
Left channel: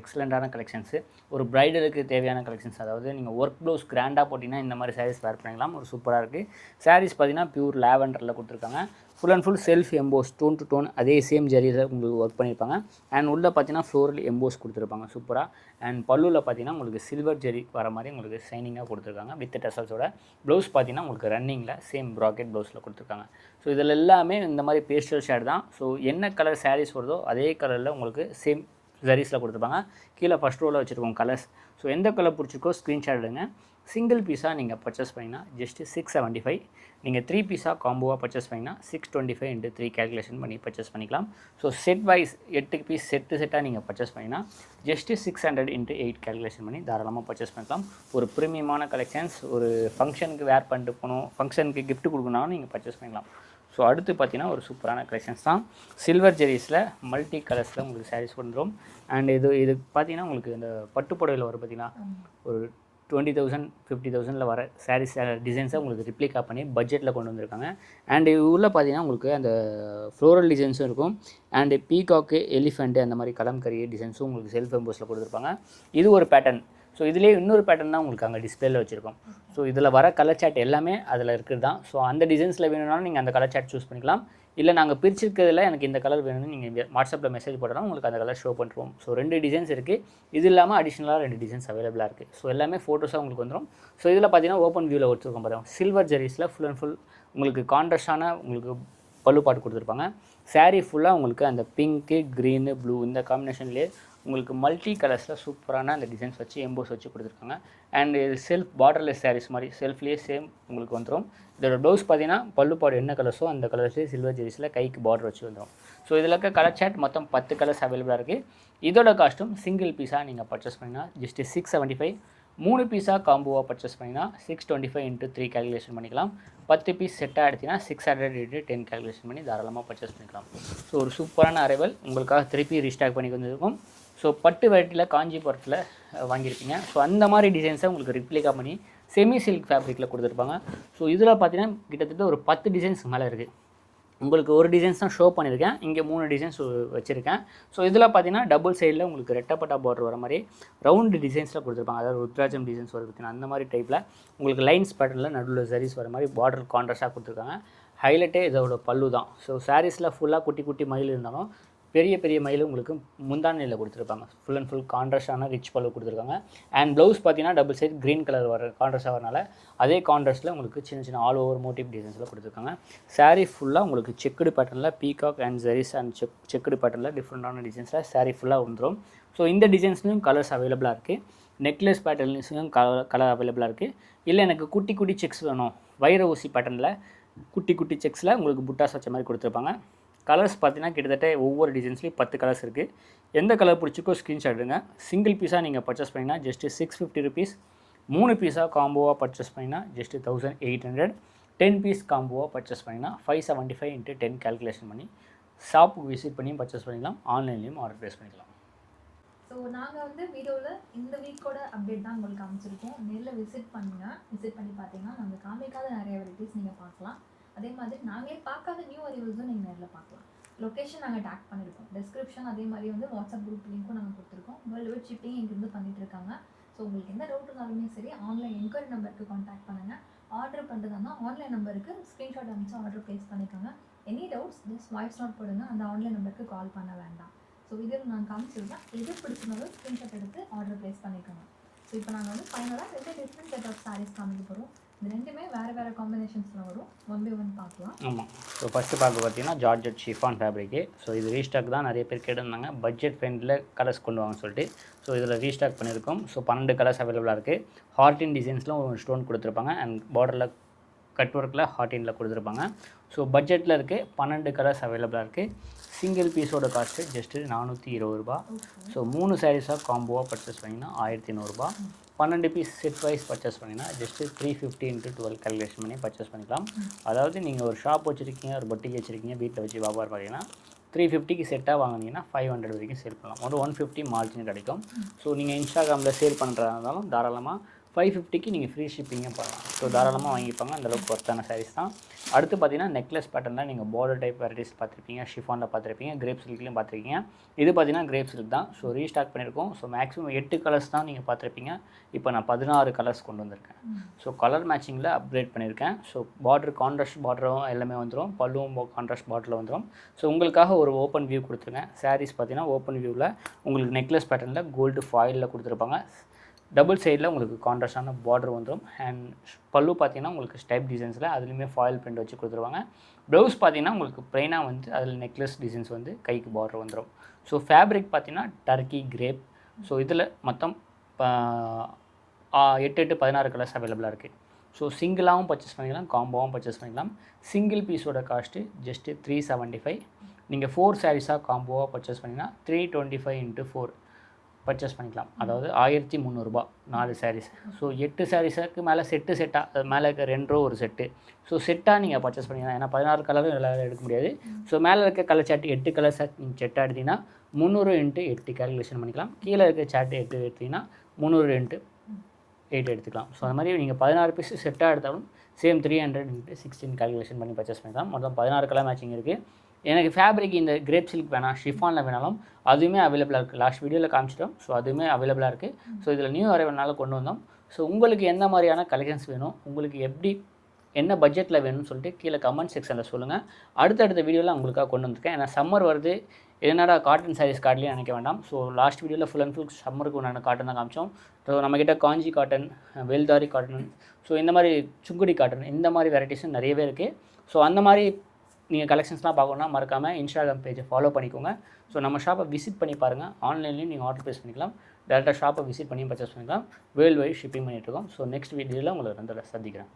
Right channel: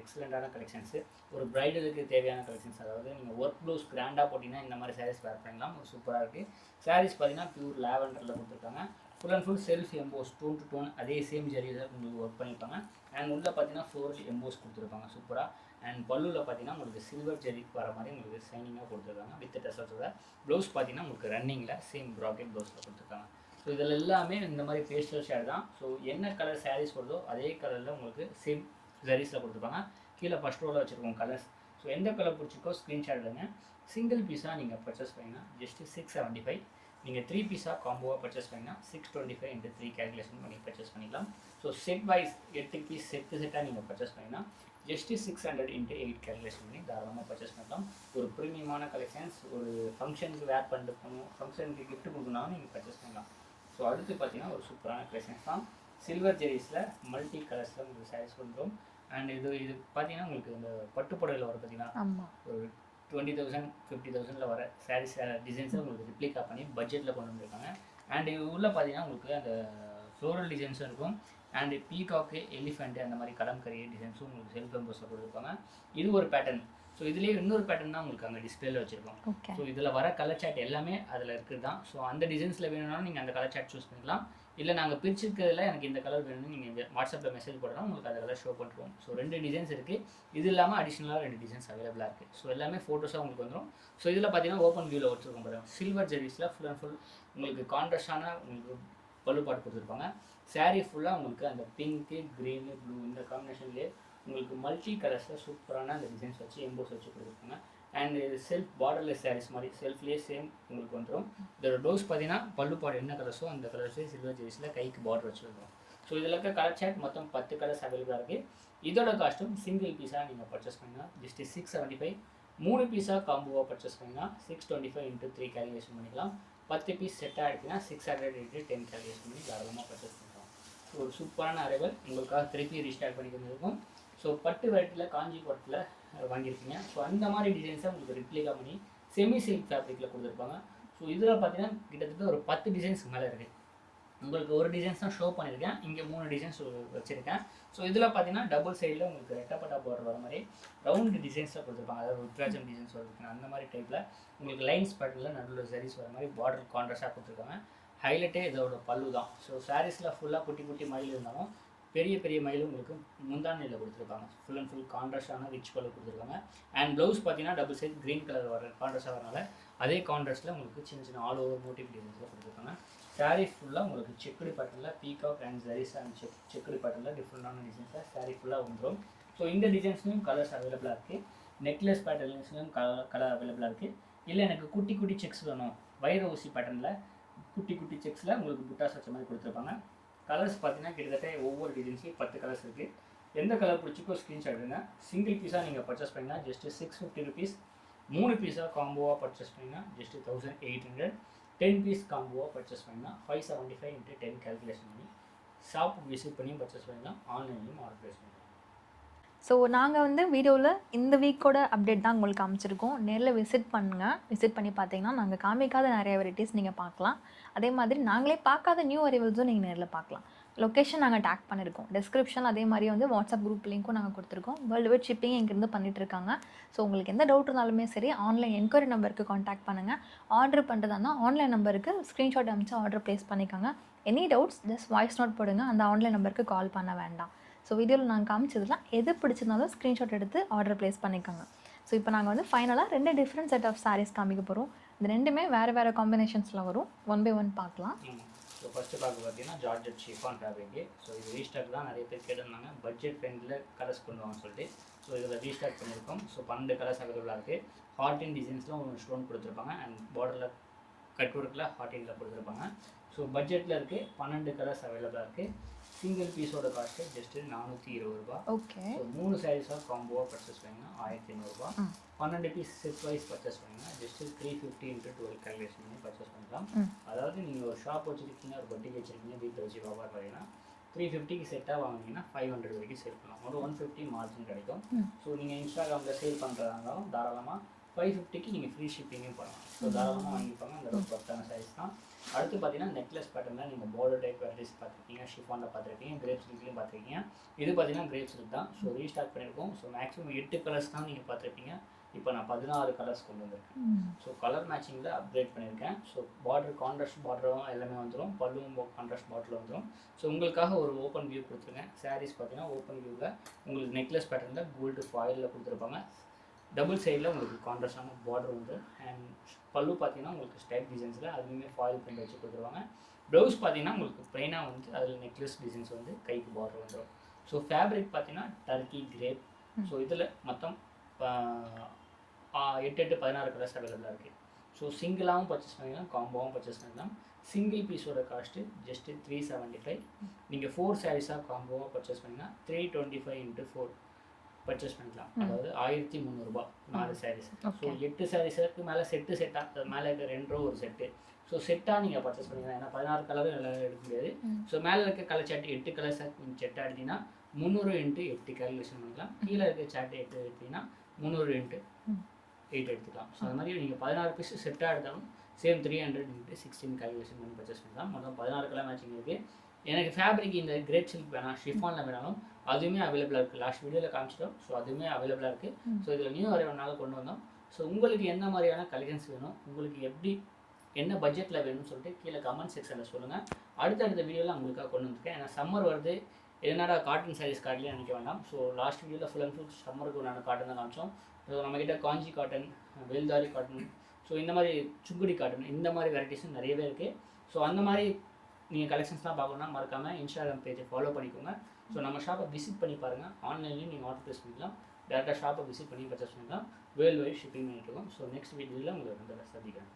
எக்ஸலண்ட்டான கலெக்ஷன்ஸு, ஒரு ப்ரைடலுக்கு தேவையான கலெக்ஷன்ஸ். அதாவது நீங்கள் ஒர்க் ப்ளவுஸ் கிராண்டாக போட்டிங்கன்னா இந்த மாதிரி சாரீஸ் வேர் பண்ணிக்கலாம். ஒரு சூப்பராக இருக்குது. சாரீஸ் பார்த்தீங்கன்னா பியூர் லாவெண்டரில் கொடுத்துருக்காங்க. Full and full self emboss tone to tone அதே சேம் ஜரியில் உங்களுக்கு ஒர்க் பண்ணியிருப்பாங்க. அண்ட் உள்ளே பார்த்தீங்கன்னா ஃப்ளோரல் எம்போஸ் கொடுத்துருப்பாங்க சூப்பராக. அண்ட் பல்லுவில் பார்த்தீங்கன்னா உங்களுக்கு சில்வர் ஜரி வர மாதிரி உங்களுக்கு ஷைனிங்காக கொடுத்துருக்காங்க வித் டசல்ஸோட. ப்ளவுஸ் பார்த்தீங்கன்னா உங்களுக்கு ரன்னிங்கில் சேம் ப்ராக்கெட் ப்ளவுஸில் கொடுத்துருக்காங்க. ஸோ இதில் எல்லாமே இந்த மாதிரி பேஸ்டல் ஷேட் தான். ஸோ என்ன கலர் சாரீஸ் வருதோ அதே கலரில் உங்களுக்கு சேம் ஜரீஸில் கொடுத்துருப்பாங்க. கீழே ஃபஸ்ட் ரோவில் வச்சுருக்கோம் கலர்ஸ். ஸோ எந்த கலர் பிடிச்சிருக்கோ ஸ்க்ரீன்ஷாட் எடுங்க. சிங்கிள் பீஸாக நீங்கள் பர்ச்சேஸ் பண்ணிங்கன்னா ஜஸ்ட்டு 675. நீங்கள் 3 பீஸாக காம்போவாக பர்ச்சேஸ் பண்ணிங்கன்னா 625 × 3 கேல்குலேஷன் பண்ணி பர்ச்சேஸ் பண்ணிக்கலாம். ஸோ செட் வைஸ் 8 பீஸ் செட்டாக நீங்கள் பர்ச்சேஸ் பண்ணிங்கன்னா ஜஸ்ட்டு 600 × 8 கேல்குலேஷன் பண்ணி தாராளமாக பர்ச்சேஸ் பண்ணிக்கலாம். ஒரு ப்ரீமியமான கலெக்ஷன்ஸ், ஒரு ஃபங்க்ஷனுக்கு வேர் பண்ணிட்டு போகணும், ஃபங்க்ஷனுக்கு கிஃப்ட் கொடுக்கணும்னாலும் நீங்கள் பர்ச்சேஸ் பண்ணிக்கலாம். ஸோ அடுத்து பார்த்தீங்கன்னா ஒரு சூப்பரான கலெக்ஷன்ஸ் தான். சில்வர் ஜெரிஸில் மல்டி கலர்ஸில் உங்களுக்கு சாரீஸ் வந்துடும். அண்ட் இது பார்த்தீங்கன்னா உங்களுக்கு இந்த பட்டுப்புடவையில் வரும் பார்த்தீங்கன்னா ஒரு 20,000 50,000 வர சாரீஸ் டிசைன்ஸை உங்களுக்கு ரிப்ளிகா பண்ணி பட்ஜெட்டில் கொண்டு வந்திருக்காங்க. அண்ட் உள்ளே பார்த்தீங்கன்னா உங்களுக்கு அந்த ஃப்ளோரல் டிசைன்ஸும் இருக்கும். அண்டு பீகாக்கு, எலிஃபெண்ட்டு அந்த மாதிரி கலம்கரி டிசைன்ஸும் உங்களுக்கு செல்ஃப் எம்போஸில் கொடுத்துருப்பாங்க. இது ஒரு பேட்டர்ன். ஸோ இதுலேயே இன்னொரு பேட்டர்ன் தான் உங்களுக்கு அங்கே டிஸ்பிளேல வச்சுருக்கோம். ஸோ இதில் வர கலர் சார்ட் எல்லாமே அதில் இருக்குது தான். ஸோ அந்த டிசைன்ஸில் வேணும்னாலும் நீங்கள் அந்த கலர் சார்ட் சூஸ் பண்ணிக்கலாம். இல்லை நாங்கள் பிரிச்சிருக்கிறதுல எனக்கு இந்த கலர் வேணும்னு நீங்கள் வாட்ஸ்அப்பில் மெசேஜ் போட்டோம்னா உங்களுக்கு அந்த கலர் ஷோ பண்ணுறோம். ஸோ 2 டிசைன்ஸ் இருக்குது. இது இல்லாமல் அடிஷ்னலாக 2 டிசைன்ஸ் அவைலபிளாக இருக்குது. ஸோ எல்லாமே ஃபோட்டோஸாக உங்களுக்கு வந்துடும். ஸோ இதில் பார்த்தீங்கன்னா ஓப்பன் வியூவில் வச்சுருக்கோம் பாருங்கள். சில்வர் ஜெரிஸில் ஃபுல் அண்ட் ஃபுல் உங்களுக்கு கான்ட்ராஸ்டான உங்களுக்கு பல்லு பாட்டு கொடுத்துருப்பாங்க. சாரீ ஃபுல்லாக உங்களுக்கு அந்த பிங்க்கு, க்ரீனு, ப்ளூ இந்த காம்பினேஷன்லேயே உங்களுக்கு மல்டி கலர்ஸில் சூப்பரான அந்த டிசைன்ஸ் வச்சு எம்போஸ் வச்சு கொடுத்துருக்காங்க. அண்ட் இது செல்ஃப் பார்டர்லெஸ் சாரீஸ் மாதிரி செல்ஃப்லேயே சேம் உங்களுக்கு வந்துடும். இதோட ப்ளவுஸ் பார்த்தீங்கன்னா பல்லு பாடு என்ன கலர்ஸோ அந்த கலர்ஸே சில்வர் ஜெரிஸில் கைக்கு பார்டர் வச்சு வந்துடும். ஸோ இதில் இருக்க கலர் சார்ட் மொத்தம் 10 கலர்ஸ் அவைலபிளாக இருக்குது. இதோட காஸ்ட்டும் சிங்கிள் பீஸாக நீங்கள் பர்ச்சேஸ் பண்ணிங்கன்னா ஜஸ்ட் 675. 3 பீஸாக காம்போவாக பர்ச்சேஸ் பண்ணிங்கன்னா 625 × 3 கேல்குலேஷன் பண்ணிக்கலாம். 10 பீஸ் செட்டாக எடுத்திங்கன்னா 600 × 10 கேல்குலேஷன் பண்ணி தாராளமாக பர்ச்சேஸ் பண்ணிக்கலாம். ஸோ ஒரு சூப்பரான அரைவல் உங்களுக்காக திருப்பி ரீஸ்டாக் பண்ணி வந்திருக்கும். ஸோ பட்டு வெரைட்டியில் காஞ்சிபுரத்தில் வாங்கியிருப்பீங்க. ஸோ அந்த மாதிரி டிசைன்ஸை உங்களுக்கு ரிப்ளிகா பண்ணி செமி சில்க் ஃபேப்ரிக்கில் கொடுத்துருப்பாங்க. ஸோ இதில் பார்த்தீங்கன்னா கிட்டத்தட்ட ஒரு 10 டிசைன்ஸ் மேலே இருக்குது. உங்களுக்கு ஒரு டிசைன்ஸ் தான் ஷோ பண்ணியிருக்கேன். இங்கே 3 டிசைன்ஸ் வச்சுருக்கேன். ஸோ இதில் பார்த்தீங்கன்னா டபுள் சைடில் உங்களுக்கு ரெட்டப்பட்டா பார்டர் வர மாதிரி ரவுண்டு டிசைன்ஸில் கொடுத்துருப்பாங்க. அதாவது ருத்ராஜம் டிசைன்ஸ் வருதுன்னா அந்த மாதிரி டைப்பில் உங்களுக்கு லைன்ஸ் பேட்டர்னில் நடுவில் சரிஸ் வர மாதிரி பார்டர் கான்ட்ராஸ்டாக கொடுத்துருக்காங்க. ஹைலைட்டே இதோட பல்லு தான். ஸோ சாரீஸில் ஃபுல்லாக குட்டி குட்டி மயில் இருந்தாலும் பெரிய பெரிய மயில் உங்களுக்கு முந்தானையில் கொடுத்துருப்பாங்க. ஃபுல் அண்ட் ஃபுல் கான்ட்ராஸ்டான ரிச் பல்லு கொடுத்துருக்காங்க. அண்ட் ப்ளவுஸ் பார்த்தீங்கன்னா டபுள் சைட் க்ரீன் கலர் வர கான்ட்ராஸ்டாக வரனால அதே கான்ட்ராஸ்ட்டில் உங்களுக்கு சின்ன சின்ன ஆல் ஓவர் மோட்டிவ் டிசைன்ஸில் கொடுத்துருக்காங்க. சாரீ ஃபுல்லாக உங்களுக்கு செக்குடு பேட்டர்னில் peacock and Jerry's and checked பேட்டர்னில் டிஃப்ரெண்டான டிசைன்ஸில் சாரீ ஃபுல்லாக வந்துடும். ஸோ இந்த டிசைன்ஸ்லையும் கலர்ஸ் அவைலபிளாக இருக்குது. நெக்லஸ் பேட்டர்ன்ஸ்லையும் கலர் அவைலபிளாக இருக்குது. இல்லை எனக்கு குட்டி குட்டி செக்ஸ் வேணும், வைர ஊசி பேட்டர்னில் குட்டி குட்டி செக்ஸில் உங்களுக்கு புட்டாஸ் வச்ச மாதிரி கொடுத்துருப்பாங்க. கலர்ஸ் பார்த்தீங்கன்னா கிட்டத்தட்ட ஒவ்வொரு டிசைன்ஸ்லையும் 10 கலர்ஸ் இருக்குது. எந்த கலர் பிடிச்சிக்கோ ஸ்க்ரீன்ஷாட் எடுங்க. சிங்கிள் பீஸாக நீங்கள் பர்ச்சேஸ் பண்ணிங்கன்னா ஜஸ்ட் 650 ருபீஸ். 3 பீஸாக காம்போவாக பர்ச்சேஸ் பண்ணிங்கன்னா ஜஸ்ட் 1800. 10 பீஸ் காம்போவாக பர்ச்சேஸ் பண்ணிங்கன்னா 575 × 10 கேல்குலேஷன் பண்ணி ஷாப்புக்கு விசிட் பண்ணி பர்ச்சேஸ் பண்ணிக்கலாம். ஆன்லைன்லேயும் ஆர்டர் ப்ளேஸ் பண்ணிக்கலாம். ஸோ நாங்கள் வந்து வீடியோவில் இந்த வீக்கோட அப்டேட் தான் உங்களுக்கு காமிச்சிருக்கோம். நேரில் விசிட் பண்ணுங்கள். விசிட் பண்ணி பார்த்தீங்கன்னா நாங்கள் காமிக்காத நிறைய வெரைட்டிஸ் நீங்கள் பார்க்கலாம். அதே மாதிரி நாங்களே பார்க்காத நியூ அரைவல்ஸும் நீங்கள் நேரில் பார்க்கலாம். லொக்கேஷன் நாங்கள் டேக் பண்ணியிருக்கோம் டிஸ்கிரிப்ஷன். அதே மாதிரி வந்து வாட்ஸ்அப் குரூப் லிங்க்கும் நாங்கள் கொடுத்துருக்கோம். வேர்ல்டு வைட் ஷிப்பிங் இங்கேருந்து பண்ணிகிட்ருக்காங்க. ஸோ உங்களுக்கு எந்த டவுட் இருந்தாலுமே சரி ஆன்லைன் என்கொயரி நம்பருக்கு காண்டாக்ட் பண்ணுங்கள். ஆர்டர் பண்ணுறதானா ஆன்லைன் நம்பருக்கு ஸ்க்ரீன்ஷாட் அனுப்பிச்சு ஆர்டர் ப்ளேஸ் பண்ணிக்கோங்க. Any doubts just voice note போடுங்க. அந்த ஆன்லைன் நம்பருக்கு கால் பண்ண வேண்டாம். ஸோ வீடியோவில் நாங்கள் காமிச்சதுலாம் எது பிடிச்சிருந்தாலும் ஸ்க்ரீன்ஷாட் எடுத்து ஆர்டர் ப்ளேஸ் பண்ணிக்கோங்க. ஸோ இப்போ நாங்கள் வந்து ஃபைனலாக 2 டிஃப்ரெண்ட் செட் ஆஃப் சாரீஸ் காமிக்க போகிறோம். இந்த ரெண்டுமே வேறு காம்பினேஷன்ஸில் வரும். ஒன் பை ஒன் பார்க்கலாம். ஆமாம். ஸோ ஃபஸ்ட்டு பார்க்க பார்த்தீங்கன்னா ஜார்ஜெட் ஷிஃபான் ஃபேப்ரிக்கு. ஸோ இது ரீஸ்டாக் தான். நிறைய பேர் கேட்டிருந்தாங்க பட்ஜெட் ஃப்ரெண்டில் கலர்ஸ் கொண்டு வாங்கன்னு சொல்லிட்டு. ஸோ இதில் ரீஸ்டாக் பண்ணியிருக்கோம். ஸோ 12 கலர்ஸ் அவைலபிளாக இருக்குது. ஹார்டின் டிசைன்ஸ்லாம் ஒரு ஸ்டோன் கொடுத்துருப்பாங்க. அண்ட் பார்டரில் கட் ஒர்க்கில் ஹார்டினில் கொடுத்துருப்பாங்க. ஸோ பட்ஜெட்டில் இருக்குது. 12 கலர்ஸ் அவைலபிளாக இருக்குது. சிங்கிள் பீஸோட காஸ்ட்டு ஜஸ்ட்டு 420 ரூபா. ஸோ 3 சாரீஸாக காம்போவாக பர்ச்சேஸ் பண்ணிங்கன்னா 1100 ரூபா. 12 பீஸ் செட் வைஸ் பர்ச்சேஸ் பண்ணிங்கன்னா ஜஸ்ட்டு 350 × 12 கேல்குலேஷன் பண்ணி பர்ச்சேஸ் பண்ணிக்கலாம். அதாவது நீங்கள் ஒரு ஷாப் வச்சுருக்கீங்க, ஒரு பொட்டிக்கு வச்சுருக்கீங்க, வீட்டில் வச்சு வியாபாரம் பார்த்தீங்கன்னா 350க்கு செட்டாக வாங்கினீங்கன்னா 500 வரைக்கும் சேல் பண்ணலாம். ஒரு 150 மார்ஜின் கிடைக்கும். ஸோ நீங்கள் இன்ஸ்டாகிராமில் சேல் பண்ணுறதா இருந்தாலும் தாராளமாக 550க்கு நீங்கள் ஃப்ரீ ஷிப்பிங்கும் பண்ணலாம். ஸோ தாராளமாக வாங்கிப்பாங்க. அந்தளவுக்கு ஒர்த்தான சாரீஸ் தான். அடுத்து பார்த்தீங்கன்னா நெக்லஸ் பேட்டர்னில் நீங்கள் பார்டர் டைப் வெரைட்டிஸ் பார்த்துருப்பீங்க, ஷிஃபானில் பார்த்துருப்பீங்க, கிரேப் சில்க்லையும் பார்த்துருக்கீங்க. இது பார்த்தீங்கன்னா கிரேப் சில்க் தான். ஸோ ரீஸ்டாக் பண்ணியிருக்கோம். ஸோ மேக்ஸிமம் 8 கலர்ஸ் தான் நீங்கள் பார்த்துருப்பீங்க. இப்போ நான் 16 கலர்ஸ் கொண்டு வந்திருக்கேன். ஸோ கலர் மேட்சிங்கில் அப்கிரேட் பண்ணியிருக்கேன். ஸோ பார்டர் கான்ட்ராஸ்ட் பார்டரும் எல்லாமே வந்துடும். பல்லுவும் கான்ட்ராஸ்ட் பார்டரில் வந்துடும். ஸோ உங்களுக்காக ஒரு ஓப்பன் வியூ கொடுத்துருக்கேன். சாரீஸ் பார்த்தீங்கன்னா ஓப்பன் வியூவில் உங்களுக்கு நெக்லஸ் பேட்டர்னில் கோல்டு ஃபாயிலில் கொடுத்துருப்பாங்க. டபுள் சைடில் உங்களுக்கு கான்ட்ராஸ்டான பார்டர் வந்துடும். அண்ட் பல்லு பார்த்தீங்கன்னா உங்களுக்கு ஸ்டைப் டிசைன்ஸில் அதுலேயுமே ஃபாயில் பிரிண்ட் வச்சு கொடுத்துருவாங்க. ப்ளவுஸ் பார்த்தீங்கன்னா உங்களுக்கு ப்ளைனாக வந்து அதில் நெக்லஸ் டிசைன்ஸ் வந்து கைக்கு பார்டர் வந்துடும். ஸோ ஃபேப்ரிக் பார்த்தீங்கன்னா டர்க்கி கிரேப். ஸோ இதில் மொத்தம் 8 16 கலர்ஸ் அவைலபிளாக இருக்குது. ஸோ சிங்கிளாகவும் பர்ச்சேஸ் பண்ணிக்கலாம், காம்போவும் பர்ச்சேஸ் பண்ணிக்கலாம். சிங்கிள் பீஸோட காஸ்ட்டு ஜஸ்ட்டு 375. நீங்கள் 4 சாரீஸாக காம்போவாக பர்ச்சேஸ் பண்ணிங்கன்னா 325 × 4 பர்ச்சேஸ் பண்ணிக்கலாம். அதாவது 1300 ரூபா 4 சாரீஸ். ஸோ 8 சாரீஸுக்கு மேலே செட்டாக அது மேலே இருக்க 2 ரோ ஒரு செட்டு. ஸோ செட்டாக நீங்கள் பர்ச்சேஸ் பண்ணிக்கலாம். ஏன்னா 16 கலரும் எல்லாம் எடுக்க முடியாது. ஸோ மேலே இருக்க கலர் சார்ட்டு 8 கலர் சார்ட் நீங்கள் செட்டாக எடுத்தீங்கன்னா 300 × 8 கேல்குலேஷன் பண்ணிக்கலாம். கீழே இருக்க சார்ட்டு 8 எடுத்தீங்கன்னா 300 × 8 எடுத்துக்கலாம். ஸோ அது மாதிரி நீங்கள் 16 பீஸ் செட்டாக எடுத்தாலும் சேம் 300 × 16 கால்குலேஷன் பண்ணி பர்ச்சேஸ் பண்ணிக்கலாம். மொத்தம் 16 கலர் மேட்சிங் இருக்குது. எனக்கு ஃபேப்ரிக் இந்த கிரேப் சில்க் வேணாம், ஷிஃபானில் வேணாலும் அதுவுமே அவைலபிளாக இருக்குது. லாஸ்ட் வீடியோவில் காமிச்சிட்டோம். ஸோ அதுவுமே அவைலபிளாக இருக்குது. ஸோ இதில் நியூ அரைவல்னால கொண்டு வந்தோம். ஸோ உங்களுக்கு எந்த மாதிரியான கலெக்ஷன்ஸ் வேணும், உங்களுக்கு எப்படி என்ன பட்ஜெட்டில் வேணும்னு சொல்லிட்டு கீழே கமெண்ட் செக்ஷனில் சொல்லுங்கள். அடுத்தடுத்த வீடியோவில் உங்களுக்காக கொண்டு வந்திருக்கேன். ஏன்னா சம்மர் வருது, என்னடா காட்டன் சாரீஸ் காட்டலையே நினைக்க வேண்டாம். ஸோ லாஸ்ட் வீடியோவில் ஃபுல் அண்ட் ஃபுல் சம்மருக்கு உண்டான காட்டன் தான் காமிச்சோம். ஸோ நம்மக்கிட்ட காஞ்சி காட்டன், வேல்தாரி காட்டன், ஸோ இந்த மாதிரி சுங்குடி காட்டன், இந்த மாதிரி வெரைட்டிஸும் நிறையவே இருக்குது. ஸோ அந்த மாதிரி நீங்கள் கலெக்ஷன்ஸ்லாம் பார்க்கணுன்னா மறக்காமல் இன்ஸ்டாகிராம் பேஜை ஃபாலோ பண்ணிக்கோங்க. ஸோ நம்ம ஷாப்பை விசிட் பண்ணி பாருங்கள். ஆன்லைன்லேயும் நீங்கள் ஆர்டர் ப்ளேஸ் பண்ணிக்கலாம், டேரெக்டாக ஷாப்பை விசிட் பண்ணி பர்ச்சேஸ் பண்ணிக்கலாம். வேர்ல்டு வைட் ஷிப்பிங் பண்ணிகிட்ருக்கோம். ஸோ நெக்ஸ்ட் வீடியோவில் உங்களை வந்து சந்திக்கிறேன்.